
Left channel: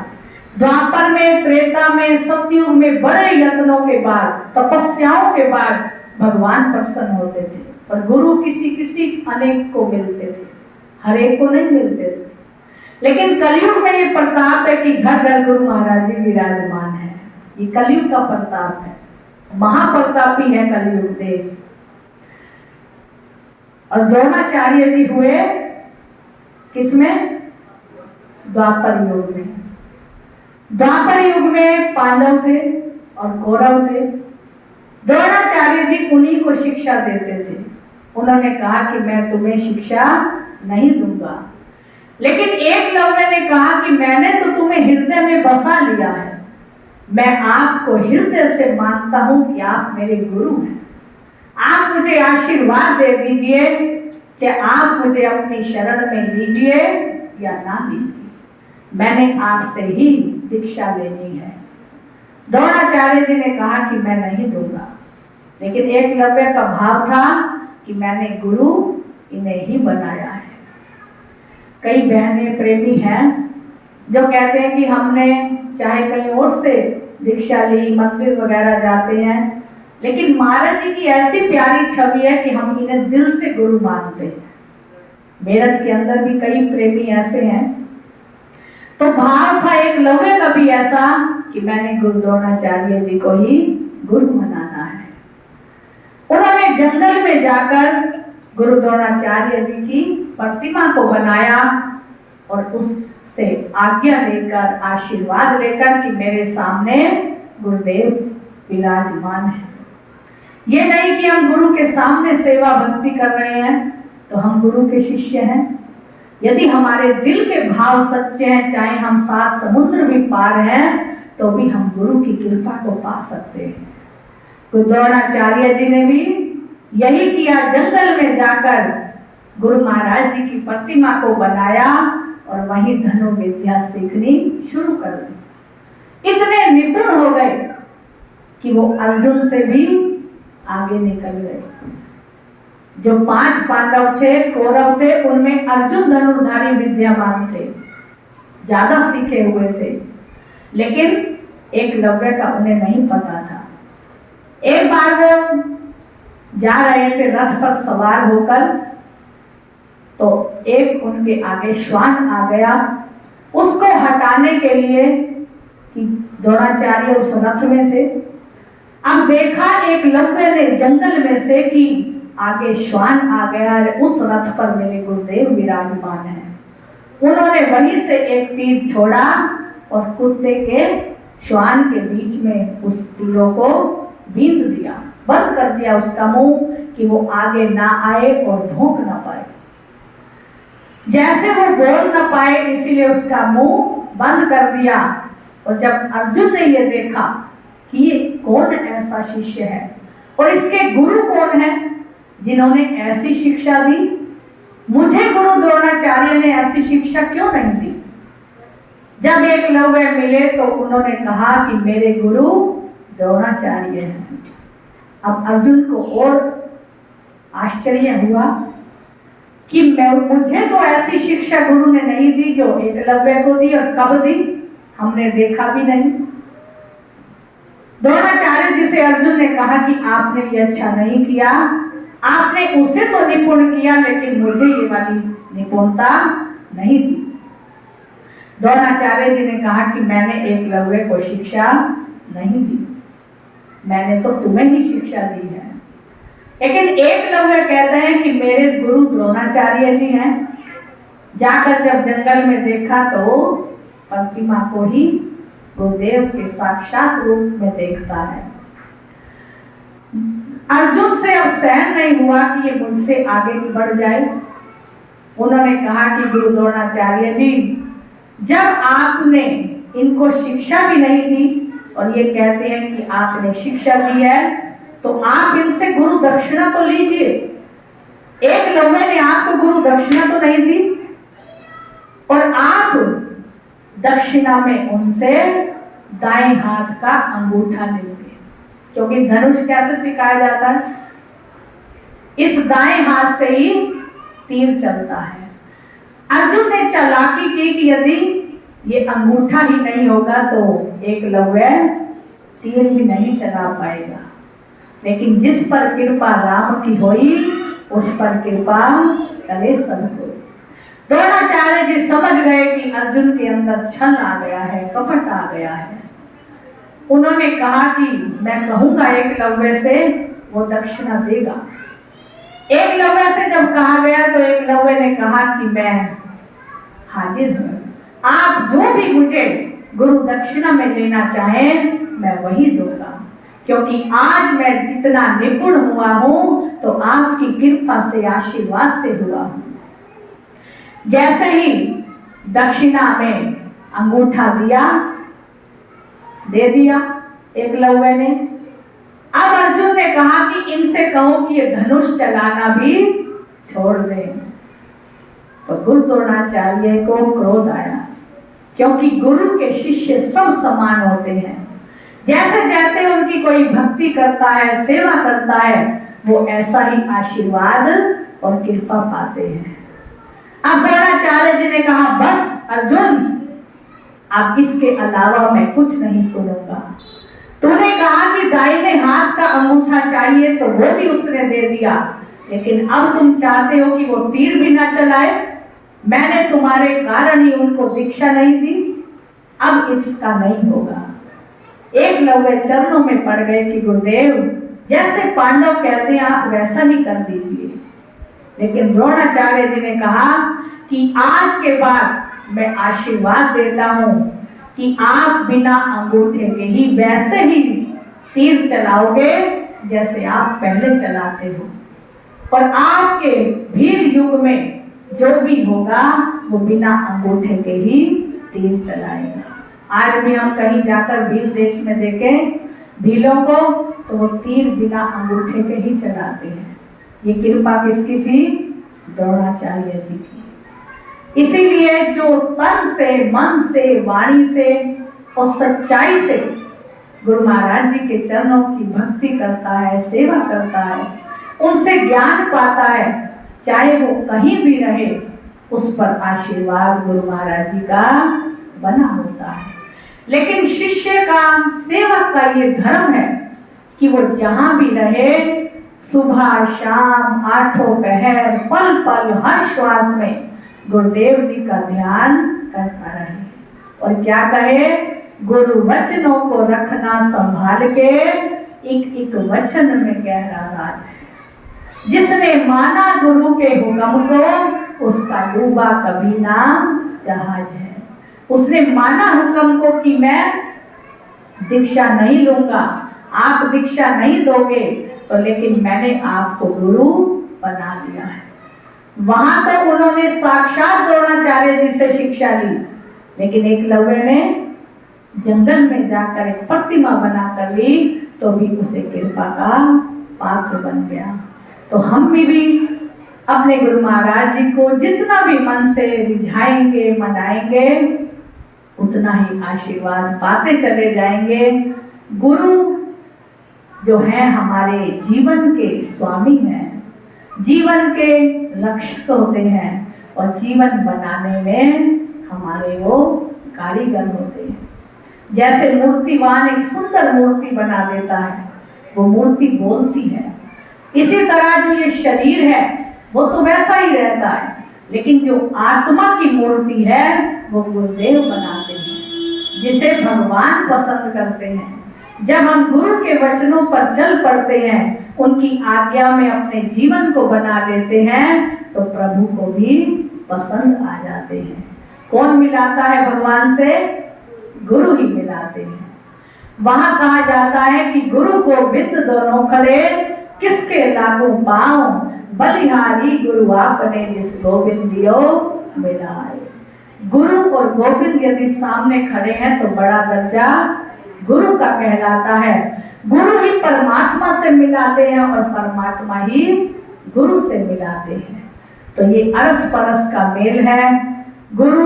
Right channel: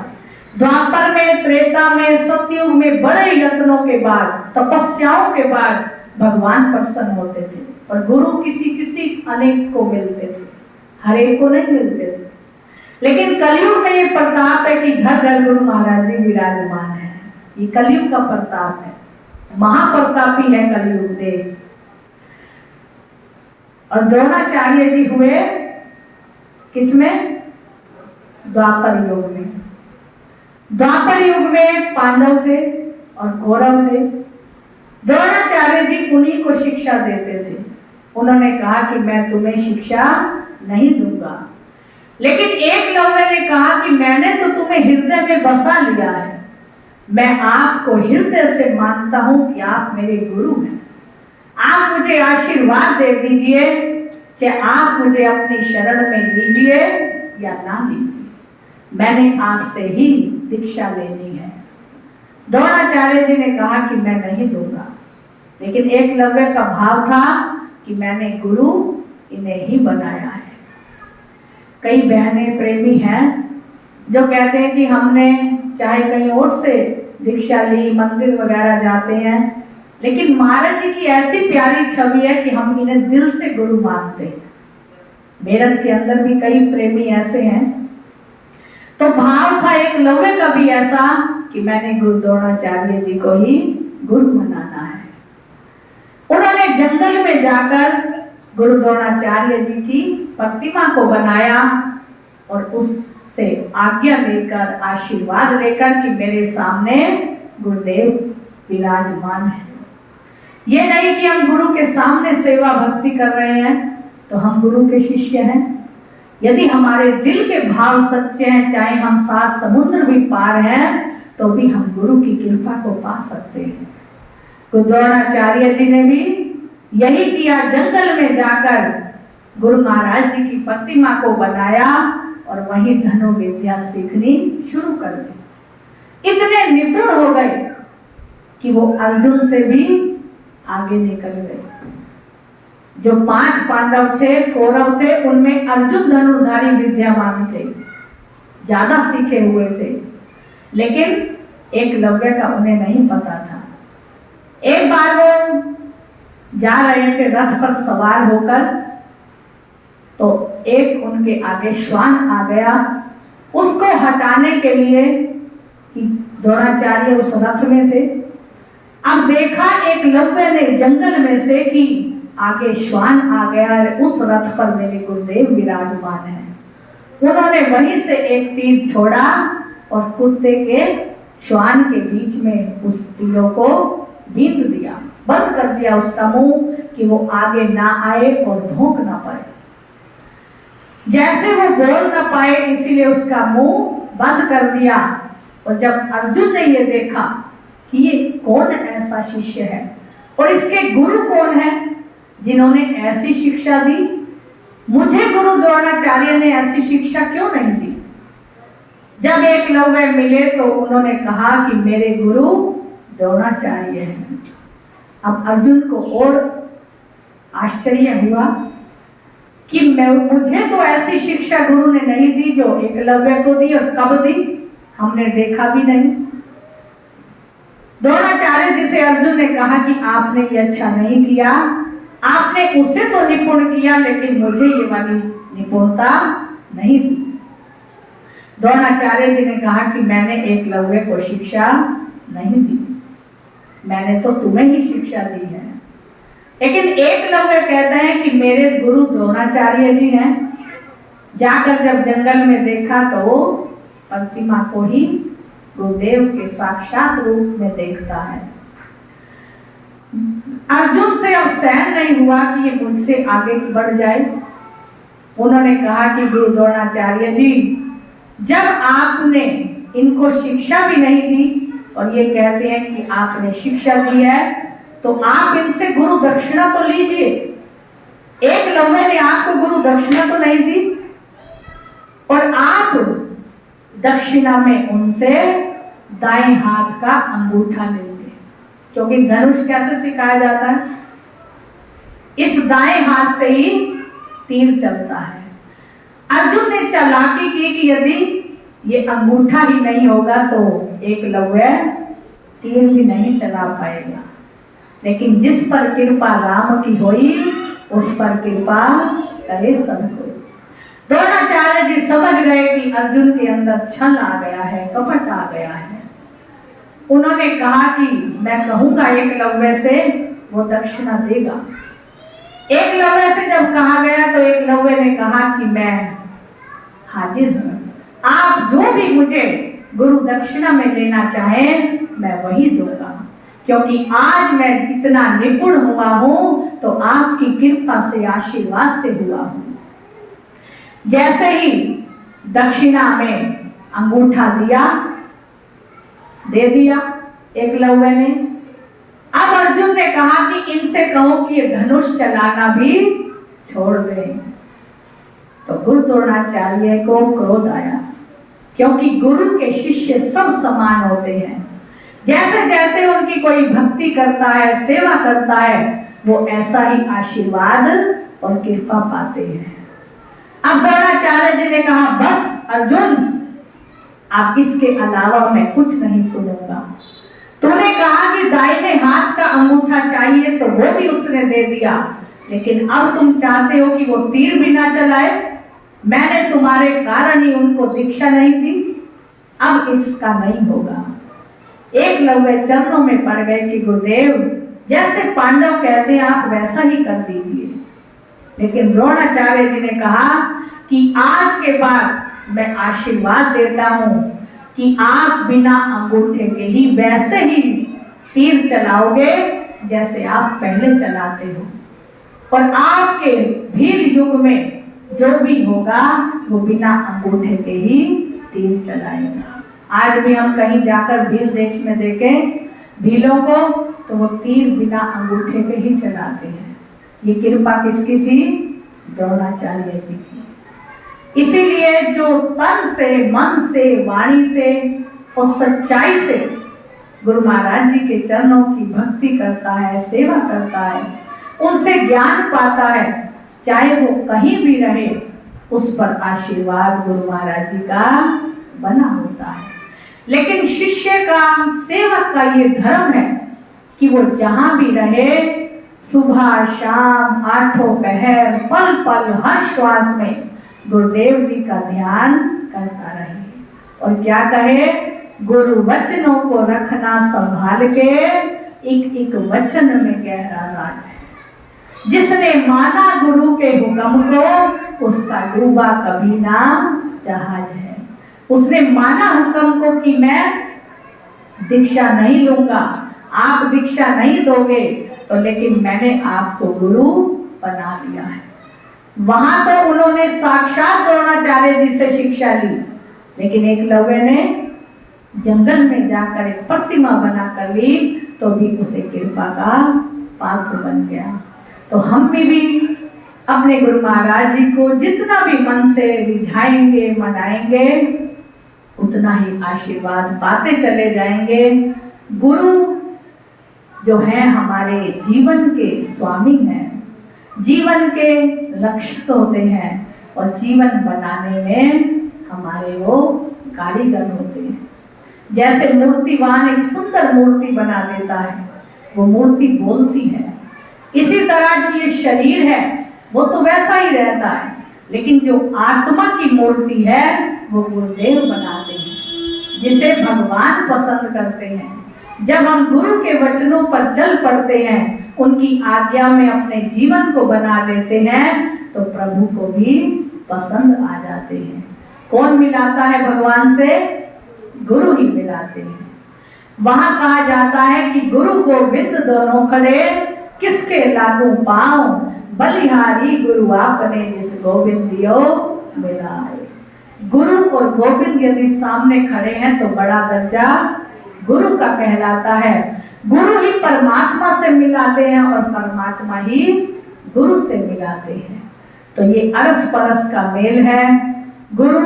द्वापर में, त्रेता में, सतयुग में बड़े यत्नों के बाद, तपस्याओं के बाद भगवान प्रसन्न होते थे, और गुरु किसी किसी अनेक को मिलते थे, हर एक को नहीं मिलते थे। लेकिन कलयुग में ये प्रताप है कि घर घर गुरु महाराज जी विराजमान है। ये कलयुग का प्रताप है, महाप्रतापी है कलयुग देश। और द्रोणाचार्य जी हुए किसमें? द्वापर युग में। द्वापर युग में पांडव थे और कौरव थे। द्रोणाचार्य जी उन्हीं को शिक्षा देते थे। उन्होंने कहा कि मैं तुम्हें शिक्षा नहीं दूंगा, लेकिन एकलव्य ने कहा कि मैंने तो तुम्हें हृदय में बसा लिया है, मैं आपको हृदय से मानता हूं कि आप मेरे गुरु हैं। आप मुझे आशीर्वाद दे दीजिए, चाहे आप मुझे अपनी शरण में लीजिए या ना लीजिए, मैंने आपसे ही दीक्षा लेनी है। द्रोणाचार्य जी ने कहा कि मैं नहीं दूंगा, लेकिन एकलव्य का भाव था कि मैंने गुरु इन्हें ही बनाया है। कई बहनें प्रेमी हैं जो कहते हैं कि हमने चाहे कहीं और से दीक्षा ली, मंदिर वगैरह जाते हैं, लेकिन महाराज जी की ऐसी प्यारी छवि है कि हम इन्हें दिल से गुरु मानते हैं। मेरठ के अंदर भी कई प्रेमी ऐसे हैं। तो भाव था एक लव्य का भी ऐसा कि मैंने गुरु द्रोणाचार्य जी को ही गुरु बनाना है। उन्होंने जंगल में जाकर गुरु द्रोणाचार्य जी की प्रतिमा को बनाया और उससे आज्ञा लेकर, आशीर्वाद लेकर कि मेरे सामने गुरुदेव विराजमान है। ये नहीं कि हम गुरु के सामने सेवा भक्ति कर रहे हैं तो हम गुरु के शिष्य हैं। यदि हमारे दिल के भाव सच्चे हैं, चाहे हम 7 समुद्र भी पार हैं, तो भी हम गुरु की कृपा को पा सकते हैं। गुरु द्रोणाचार्य जी ने भी यही किया, जंगल में जाकर गुरु महाराज जी की प्रतिमा को बनाया और वहीं धनुर्विद्या सीखनी शुरू कर दी। इतने निपुण हो गए कि वो अर्जुन से भी आगे निकल गए। जो 5 पांडव थे, कौरव थे, उनमें अर्जुन धनुर्धारी विद्यामान थे, ज्यादा सीखे हुए थे, लेकिन एकलव्य का उन्हें नहीं पता था। एक बार वो जा रहे थे रथ पर सवार होकर, तो एक उनके आगे श्वान आ गया। उसको हटाने के लिए द्रोणाचार्य उस रथ में थे। अब देखा एकलव्य ने जंगल में से कि आगे श्वान आ गया है, उस रथ पर मेरे गुरुदेव विराजमान हैं। उन्होंने वहीं से एक तीर छोड़ा और कुत्ते के श्वान के बीच में उस तीरों को बींध दिया, बंद कर दिया उसका मुंह कि वो आगे ना आए और भौंक ना पाए। जैसे वो बोल ना पाए इसीलिए उसका मुंह बंद कर दिया। और जब अर्जुन ने ये देखा कि ये कौन ऐसा शिष्य है और इसके गुरु कौन है जिन्होंने ऐसी शिक्षा दी, मुझे गुरु द्रोणाचार्य ने ऐसी शिक्षा क्यों नहीं दी। जब एकलव्य मिले तो उन्होंने कहा कि मेरे गुरु द्रोणाचार्य हैं। अब अर्जुन को और आश्चर्य हुआ कि मुझे तो ऐसी शिक्षा गुरु ने नहीं दी जो एकलव्य को दी, और कब दी हमने देखा भी नहीं। द्रोणाचार्य जी से अर्जुन ने कहा कि आपने ये अच्छा नहीं किया, आपने उसे तो निपुण किया लेकिन मुझे ये वाली निपुणता नहीं दी। द्रोणाचार्य जी ने कहा कि मैंने एकलव्य को शिक्षा नहीं दी, मैंने तो तुम्हें ही शिक्षा दी है। लेकिन एकलव्य कहते हैं कि मेरे गुरु द्रोणाचार्य जी हैं। जाकर जब जंगल में देखा तो प्रतिमा को ही गुरुदेव के साक्षात रूप में देखता है। अर्जुन से अब सहन नहीं हुआ कि ये मुझसे आगे बढ़ जाए। उन्होंने कहा कि गुरु द्रोणाचार्य जी, जब आपने इनको शिक्षा भी नहीं दी और ये कहते हैं कि आपने शिक्षा दी है, तो आप इनसे गुरु दक्षिणा तो लीजिए। एकलव्य ने आपको गुरु दक्षिणा तो नहीं दी और आप दक्षिणा में उनसे दाएं हाथ का अंगूठा लेंगे, क्योंकि धनुष कैसे सिखाया जाता है, इस दाएं हाथ से ही तीर चलता है। अर्जुन ने चालाकी की कि यदि ये अंगूठा ही नहीं होगा तो एकलव्य तीर भी नहीं चला पाएगा। लेकिन जिस पर कृपा राम की होई उस पर कृपा करे सबको। द्रोणाचार्य जी समझ गए कि अर्जुन के अंदर छल आ गया है, कपट आ गया है। उन्होंने कहा कि मैं कहूंगा एकलव्य से, वो दक्षिणा देगा। एकलव्य से जब कहा गया तो एकलव्य ने कहा कि मैं हाजिर हूं, आप जो भी मुझे गुरु दक्षिणा में लेना चाहें मैं वही दूंगा, क्योंकि आज मैं इतना निपुण हुआ हूं तो आपकी कृपा से, आशीर्वाद से हुआ हूं। जैसे ही दक्षिणा में अंगूठा दे दिया एकलव्य ने। अब अर्जुन ने कहा कि इनसे कहो कि ये धनुष चलाना भी छोड़ दें। तो गुरु द्रोणाचार्य को क्रोध आया, क्योंकि गुरु के शिष्य सब समान होते हैं। जैसे जैसे उनकी कोई भक्ति करता है, सेवा करता है, वो ऐसा ही आशीर्वाद और कृपा पाते हैं। अब द्रोणाचार्य जी ने कहा, बस अर्जुन, अब इसके अलावा मैं कुछ नहीं सुनूंगा। तूने कहा कि दाहिने हाथ का अंगूठा चाहिए तो वो भी उसने दे दिया, लेकिन अब तुम चाहते हो कि वो तीर भी ना चलाए। मैंने तुम्हारे कारण ही उनको दीक्षा नहीं दी, अब इसका नहीं होगा। एकलव्य चरणों में पड़ गए कि गुरुदेव जैसे पांडव कहते हैं आप वैसा ही कर दीजिए। लेकिन द्रोणाचार्य जी ने कहा कि आज के बाद मैं आशीर्वाद देता हूं कि आप बिना अंगूठे के ही वैसे ही तीर चलाओगे जैसे आप पहले चलाते हो, और आपके भील युग में जो भी होगा वो बिना अंगूठे के ही तीर चलाएगा। आज भी हम कहीं जाकर भील देश में देखें भीलों को तो वो तीर बिना अंगूठे के ही चलाते हैं। ये कृपा किसकी थी? द्रोणाचार्य जी की। इसीलिए जो तन से, मन से, वाणी से और सच्चाई से गुरु महाराज जी के चरणों की भक्ति करता है, सेवा करता है, उनसे ज्ञान पाता है, चाहे वो कहीं भी रहे उस पर आशीर्वाद गुरु महाराज जी का बना होता है। लेकिन शिष्य का, सेवक का ये धर्म है कि वो जहां भी रहे सुबह शाम आठों पहर पल पल हर श्वास में गुरुदेव जी का ध्यान करता रहे। और क्या कहे? गुरु वचनों को रखना संभाल के, एक एक वचन में गहरा राज है। जिसने माना गुरु के हुक्म को उसका डूबा कभी ना जहाज है। उसने माना हुक्म को कि मैं दीक्षा नहीं लूंगा, आप दीक्षा नहीं दोगे तो, लेकिन मैंने आपको गुरु बना लिया है। वहां तो उन्होंने साक्षात द्रोणाचार्य जी से शिक्षा ली, लेकिन एकलव्य ने जंगल में जाकर एक प्रतिमा बनाकर ली तो भी उसे कृपा का पात्र बन गया। तो हम भी अपने गुरु महाराज जी को जितना भी मन से रिझाएंगे, मनाएंगे, उतना ही आशीर्वाद पाते चले जाएंगे। गुरु जो है हमारे जीवन के स्वामी हैं, जीवन के रक्षक होते हैं और जीवन बनाने में हमारे वो कारीगर होते हैं। जैसे मूर्तिवान एक सुंदर मूर्ति बना देता है, वो मूर्ति बोलती है, इसी तरह जो ये शरीर है वो तो वैसा ही रहता है, लेकिन जो आत्मा की मूर्ति है वो गुरुदेव बनाते हैं, जिसे भगवान पसंद करते हैं। जब हम गुरु के वचनों पर चल पड़ते हैं, उनकी आज्ञा में अपने जीवन को बना देते हैं, तो प्रभु को भी पसंद आ जाते हैं। कौन मिलाता है भगवान से? गुरु ही मिलाते हैं। वहां कहा जाता है कि गुरु गोविंद दोनों खड़े, किसके लागू पांव, बलिहारी गुरु आपने जिस गोविंद दियो मिलाए। गुरु और गोविंद यदि सामने खड़े हैं तो बड़ा दर्जा गुरु का कहलाता है। गुरु ही परमात्मा से मिलाते हैं और परमात्मा ही गुरु से मिलाते हैं। तो ये अरस परस का मेल है। गुरु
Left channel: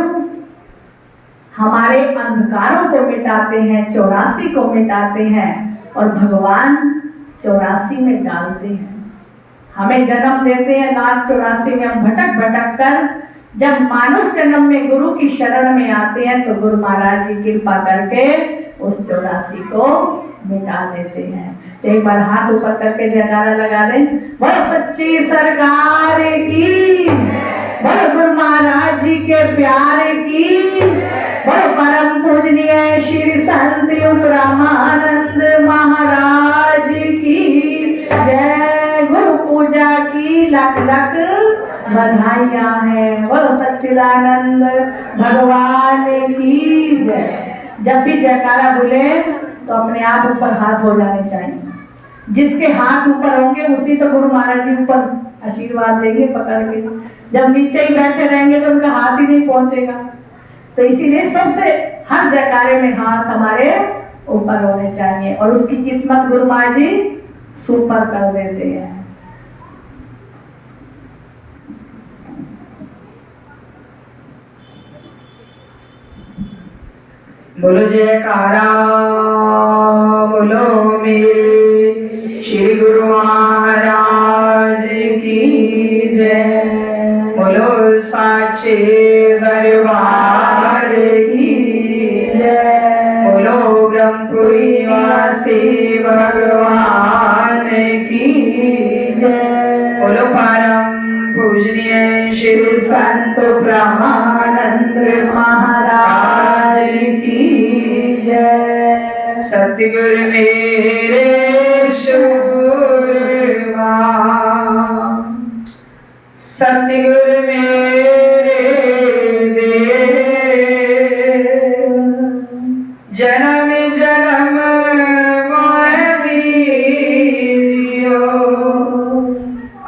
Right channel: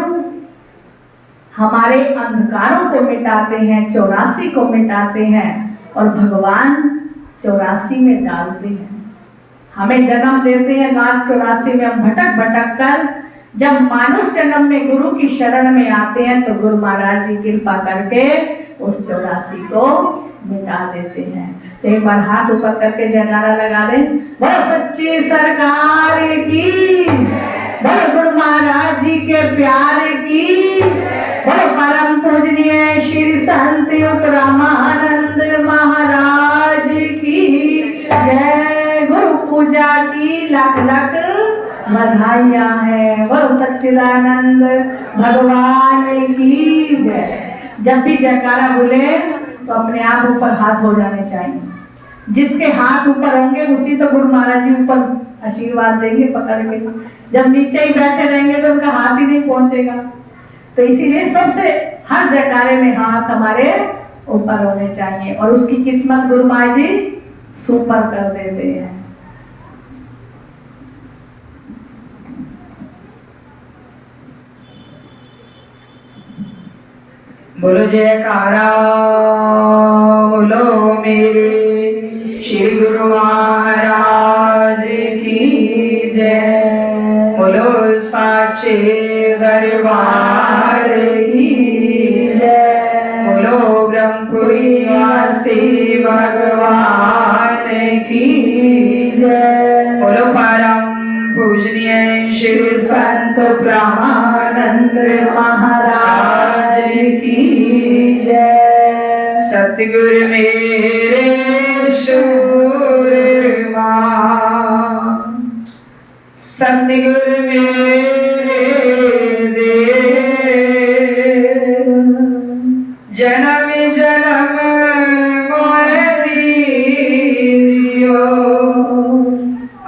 हमारे अंधकारों को मिटाते हैं, 84 को मिटाते हैं, और भगवान 84 में डालते हैं। हमें जन्म देते हैं लाख 84 में, हम भटक भटक कर जब मानुष जन्म में गुरु की शरण में आते हैं तो गुरु महाराज जी कृपा करके उस 84 को मिटा देते हैं। तो एक बार हाथ ऊपर करके जयकारा लगा दें, बोल सच्ची सरकार की, बोल गुरु महाराज जी के प्यार की, बोल परम पूजनीय श्री संत उत्तरामानंद महाराज की जय। गुरु पूजा की लख लख बधाइयां हैं। बोल सच्चिदानंद भगवान की जय। जब भी जयकारा बोले तो अपने आप ऊपर हाथ हो जाने चाहिए। जिसके हाथ ऊपर होंगे उसी तो गुरु महाराज जी ऊपर आशीर्वाद देंगे पकड़ के। जब नीचे ही बैठे रहेंगे तो उनका हाथ ही नहीं पहुंचेगा। तो इसीलिए सबसे हर जयकारे में हाथ हमारे ऊपर होने चाहिए, और उसकी किस्मत गुरु महाराज जी सुपर कर देते हैं। बोलो जयकारा, बोलो मेरे श्री गुरु महाराज की जय। बोलो साचे दरबार की जय। बोलो ब्रह्मपुरी निवासी भगवान की जय। बोलो ब्रह्मानंद महाराज की जय। सतगुरु मेरे शूरमा, सतगुरु मेरे देव, जन्म जन्म मोह दीजियो,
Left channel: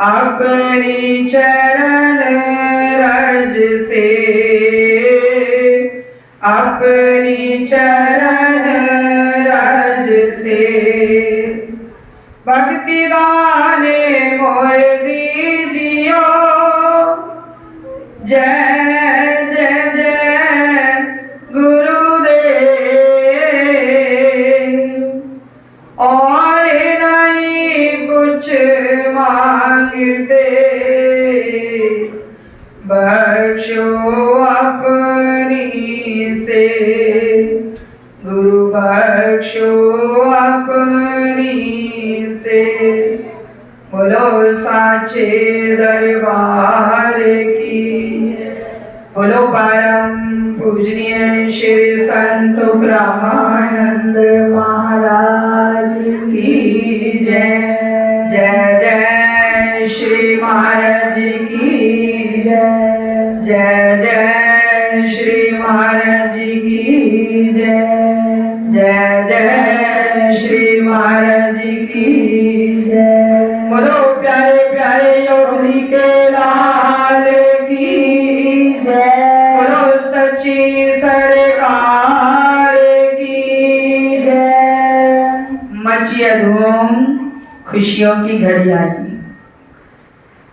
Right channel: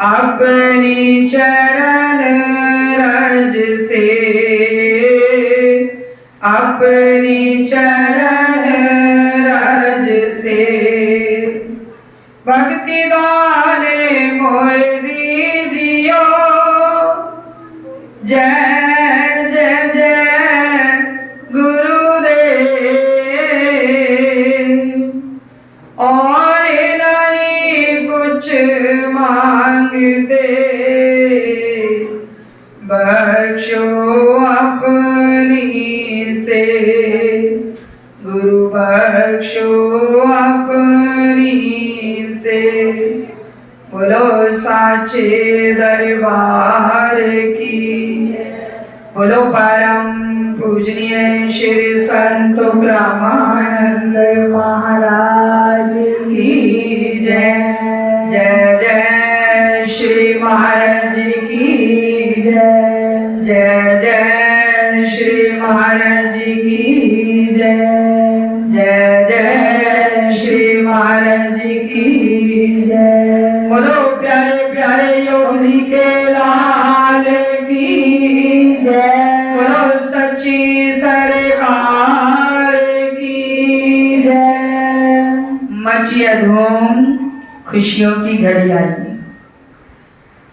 अपनी चरण रज से, अपनी चरण रज से, भक्ति दाने मोह दीजियो। जय जय जय गुरुदेव, और नहीं कुछ मांगते, बख्शो अपनी से, गुरु बख्शो अपनी से। बोलो साचे दरबार की, बोलो परम पूजनीय श्री संत ब्रह्मानंद महाराज की जय। जय जय श्री महाराज की जय। जय जय श्री महाराज की जय। जय जय श्री महाराज की जय। बोलो प्यारे प्यारे योग जी के लाल की जय। बोलो सच्ची सरकार की जय। मचिया धूम खुशियों की घड़ी आई,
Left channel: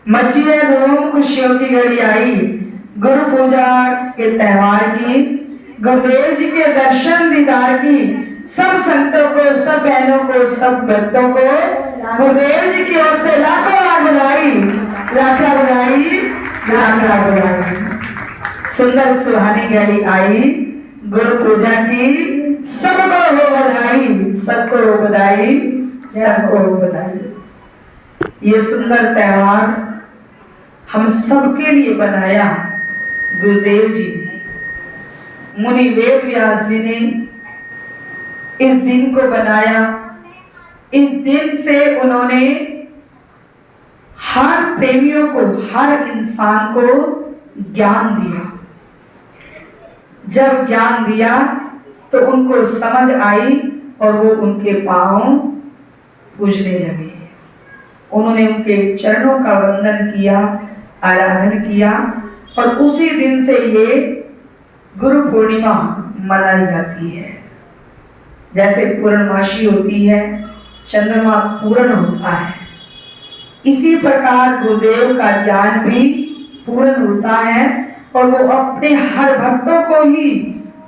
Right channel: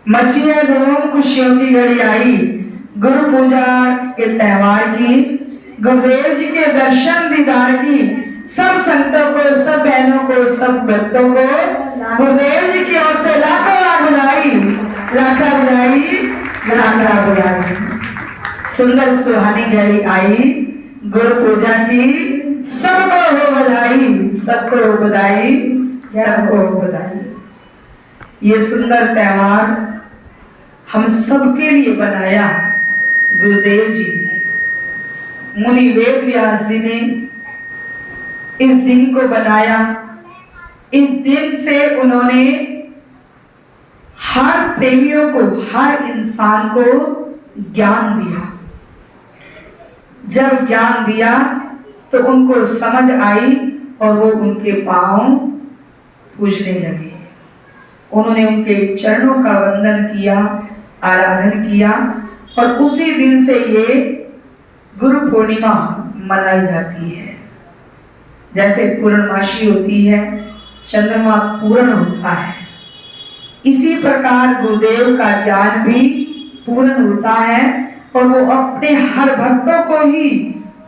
मचिया धूम खुशियों की घड़ी आई। गुरु पूजा के त्योहार की, गुरुदेव जी के दर्शन दीदार की, सब संतों को, सब बहनों को, सब भक्तों को गुरुदेव जी की ओर से लाखों लाख बधाई, लाख लाख बधाई, लाख लाख बधाई। सुंदर सुहानी घड़ी आई गुरु पूजा की, सबको हो बधाई, सबको हो बधाई, सबको हो बधाई। ये सुंदर त्योहार हम सबके लिए बनाया गुरुदेव जी ने, मुनि वेद व्यास जी ने इस दिन को बनाया। इस दिन से उन्होंने हर प्रेमियों को, हर इंसान को ज्ञान दिया। जब ज्ञान दिया तो उनको समझ आई और वो उनके पांव पूजने लगे। उन्होंने उनके चरणों का वंदन किया, आराधन किया, और उसी दिन से ये गुरु पूर्णिमा मनाई जाती है। जैसे पूर्णमासी होती है, चंद्रमा पूर्ण होता है, इसी प्रकार गुरुदेव का ज्ञान भी पूर्ण होता है और वो अपने हर भक्तों को ही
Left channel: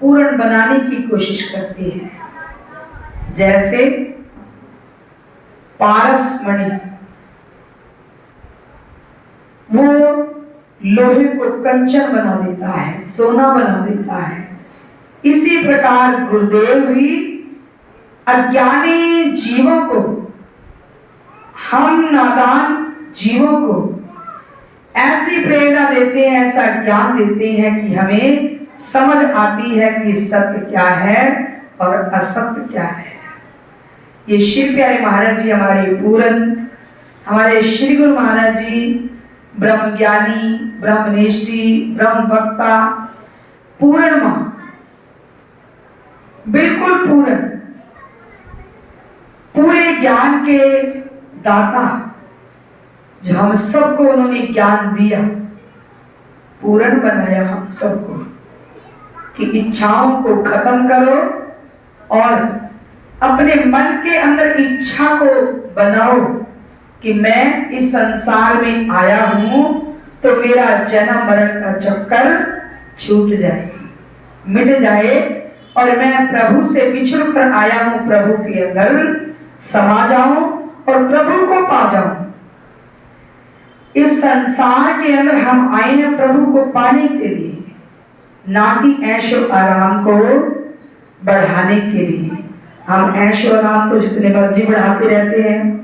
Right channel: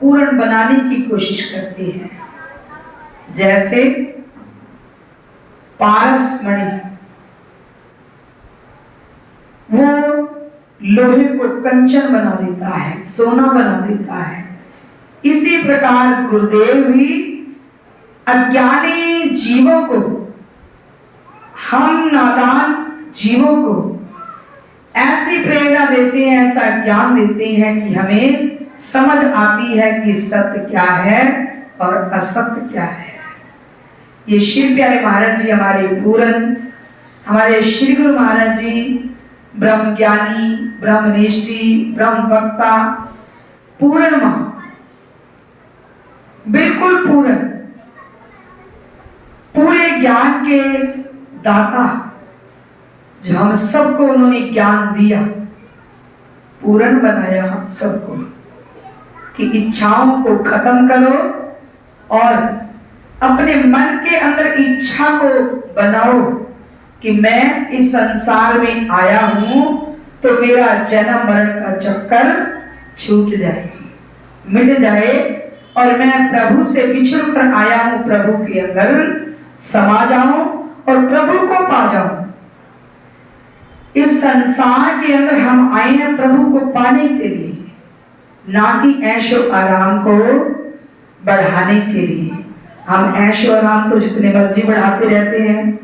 पूर्ण बनाने की कोशिश करते हैं। जैसे पारस मणि, वो लोहे को कंचन बना देता है, सोना बना देता है। इसी प्रकार गुरुदेव भी अज्ञानी जीवों को, हम नादान जीवों को ऐसी प्रेरणा देते हैं, ऐसा ज्ञान देते हैं कि हमें समझ आती है कि सत्य क्या है और असत्य क्या है। ये श्री प्यारे महाराज जी हमारे पूरन, हमारे श्री गुरु महाराज जी ब्रह्म ज्ञानी, ब्रह्मनिष्ठी, ब्रह्म वक्ता, पूर्ण मां, बिल्कुल पूर्ण, पूरे ज्ञान के दाता, जो हम सबको उन्होंने ज्ञान दिया, पूर्ण बनाया हम सबको कि इच्छाओं को खत्म करो और अपने मन के अंदर इच्छा को बनाओ कि मैं इस संसार में आया हूं तो मेरा जन्म मरण का चक्कर छूट जाए, मिट जाए और मैं प्रभु से बिछड़ कर आया हूं, प्रभु के अंदर समा जाऊं और प्रभु को पा जाऊं। इस संसार के अंदर हम आए हैं प्रभु को पाने के लिए, ना कि ऐशो आराम को बढ़ाने के लिए। हम ऐशो आराम तो जितने मर्जी बढ़ाते रहते हैं।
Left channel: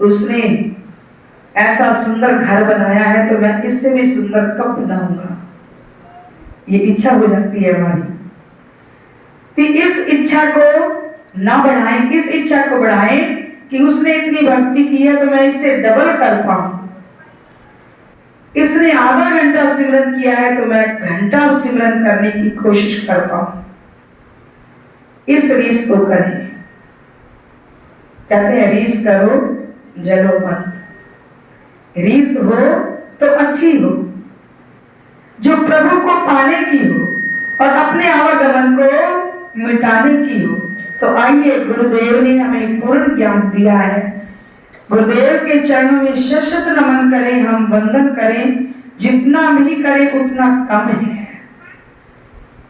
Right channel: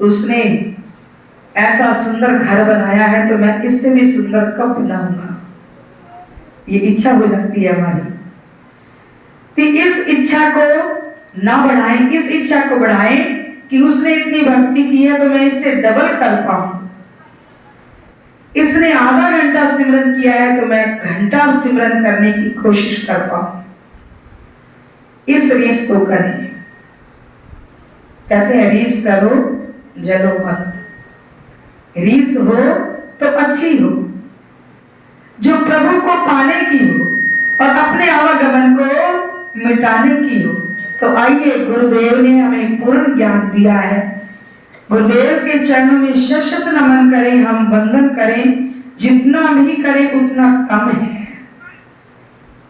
उसने ऐसा सुंदर घर बनाया है तो मैं इससे भी सुंदर कब बनाऊंगा, ये इच्छा हो जाती है हमारी। तो इस इच्छा को ना बढ़ाएं, इस इच्छा को बढ़ाएं कि उसने इतनी भक्ति की है तो मैं इससे डबल कर पाऊं। इसने आधा घंटा सिमरन किया है तो मैं घंटा सिमरन करने की कोशिश कर पाऊं। इस रीस को करें। कहते हैं रीस करो जलो मत। रीस हो तो अच्छी हो, जो प्रभु को पाने की हो और अपने आवागमन को मिटाने की हो। तो आइए, गुरुदेव ने हमें पूर्ण ज्ञान दिया है। गुरुदेव के चरणों में शत नमन करें, हम वंदन करें। जितना भी करें उतना कम है।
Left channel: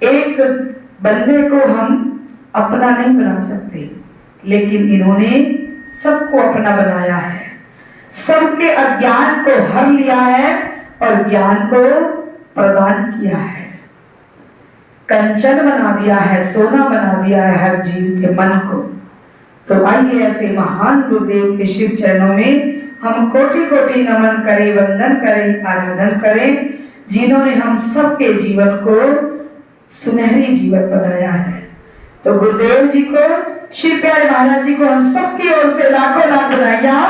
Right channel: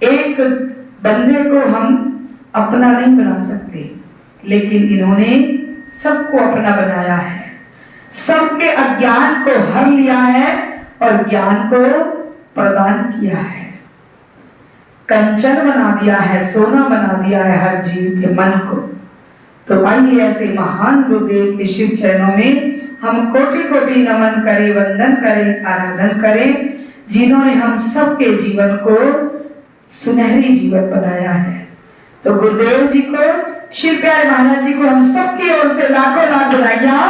एक बंदे को हम अपना नहीं बना सकते, लेकिन इन्होंने सबको अपना बनाया है। सबके अज्ञान को हर लिया है और ज्ञान को प्रदान किया है। कंचन बना दिया है, सोना बना दिया है हर जीव के मन को। तो आइए ऐसे महान गुरुदेव के शिव चरणों में हम कोटि कोटि नमन करें, वंदन करें, आराधन करें, जिन्होंने हम सबके जीवन को सुनहरी जीवन बनाया है। तो गुरुदेव जी को, शिव प्यारे महाराज जी को हम सबकी ओर से लाखों लाख बधाइयां,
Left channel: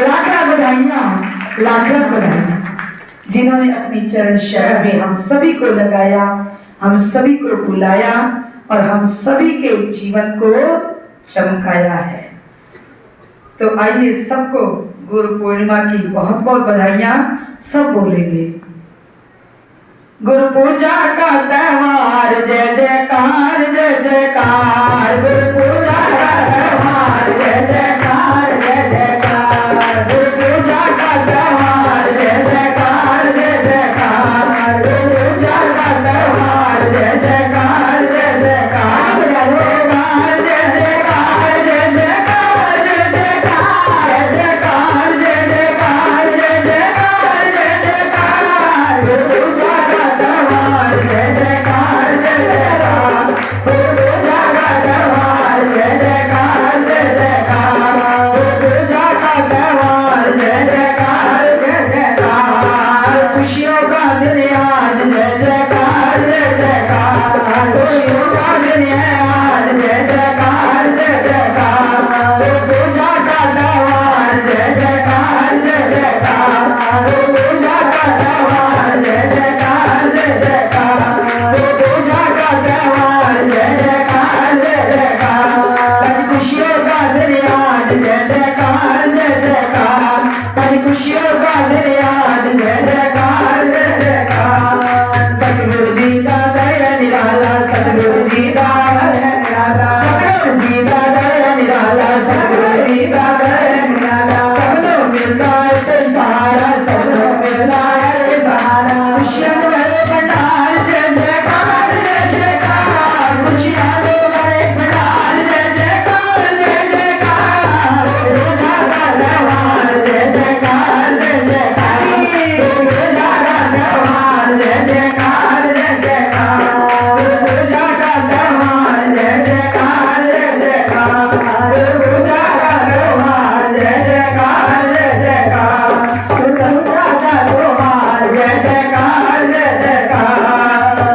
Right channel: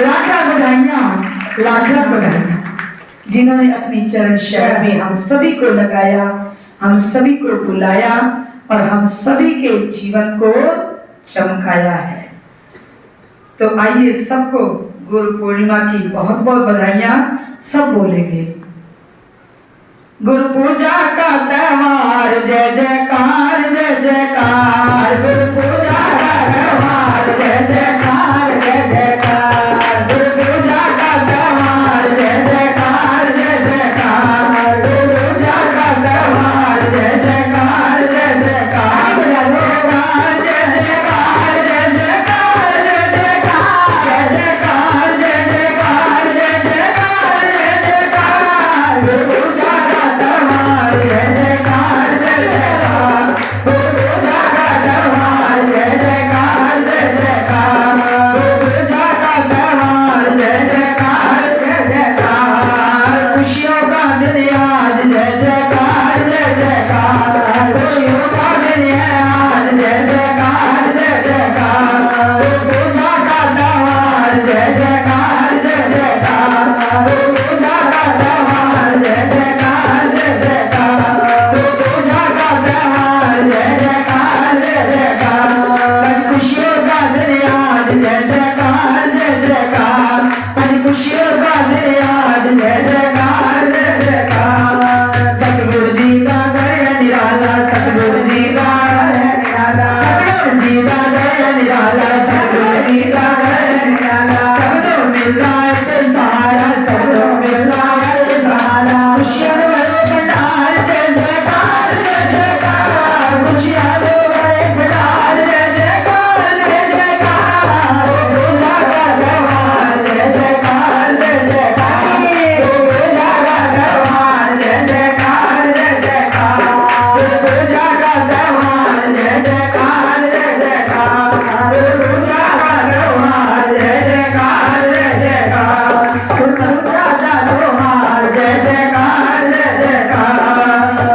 लाख बधाइयां, लाख बधाइयां, जिन्होंने अपनी चरण शरण में हम सभी को लगाया, हम सभी को बुलाया और हम सभी के जीवन को चमकाया है। तो आइए सबको गुरु पूर्णिमा की बहुत बहुत बधाइयां सब बोलेंगे। गुरु पूजा का त्योहार, जय जयकार जय जयकार। गुरु पूजा का त्योहार, जय जयकार जय जयकार। गुरु पूजा का त्योहार, जय जयकार जय जयकार। गुरु पूजा का त्योहार, जय जयकार जय जयकार। जयकार जय जयकार जय जयकार जय जयकार। जय जयकार जय जयकार जय जयकार जय जयकार। गुरु पूजा का त्योहार, जय जयकार जय जयकार। गुरु पूजा का त्योहार, जय जयकार जय जयकार। गुरु पूजा का त्योहार, जय जयकार जय जयकार। खुशियों का दिन आज, जय जयकार जय जयकार। खुशियों का दिन है आज, जय जयकार जय जयकार। गुरु पूजा का त्योहार, जय जयकार जय जयकार। गुरु पूजा का त्योहार, जय जयकार जय जयकार। गुरु पूजा का त्योहार, जय जयकार जय जयकार। आज खुशियों का दिन आज, जय जयकार जय जयकार। आज खुशियों का दिन आज, जय जयकार जय जयकार। सतगुरु जी का दया निराला, सतगुरु जी का दया निराला, सतगुरु जी का दया निराला, सतगुरु जी का दया निराला। सब लोग मिलता है तो सहारा, सब लोग मिलता है तो सहारा। खुशियाँ भरो भंडार, जय जयकार जय जयकार। खुशियाँ भरो भंडार, जय जयकार जय जयकार। पूजा का त्योहार, जय जयकार जय जयकार। पूजा का त्योहार, जय जयकार जय जयकार। पूजा का त्योहार, जय जयकार जय जयकार। पूजा का त्योहार, जय जयकार जय जयकार। पूजा का त्योहार, जय जयकार जय जयकार।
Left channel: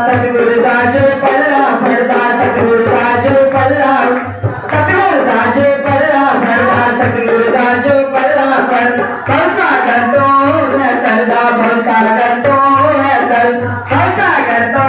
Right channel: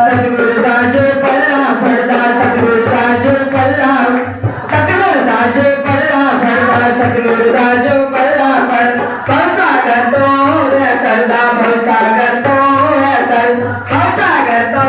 सतगुरु दा जो पल्ला फड़दा, सतगुरु दा जो पल्ला, सतगुरु दा जो पल्ला फड़दा, सतगुरु दा जो पल्ला फड़। भवसागर तो है करदा, भवसागर तो है कर, भवसागर तो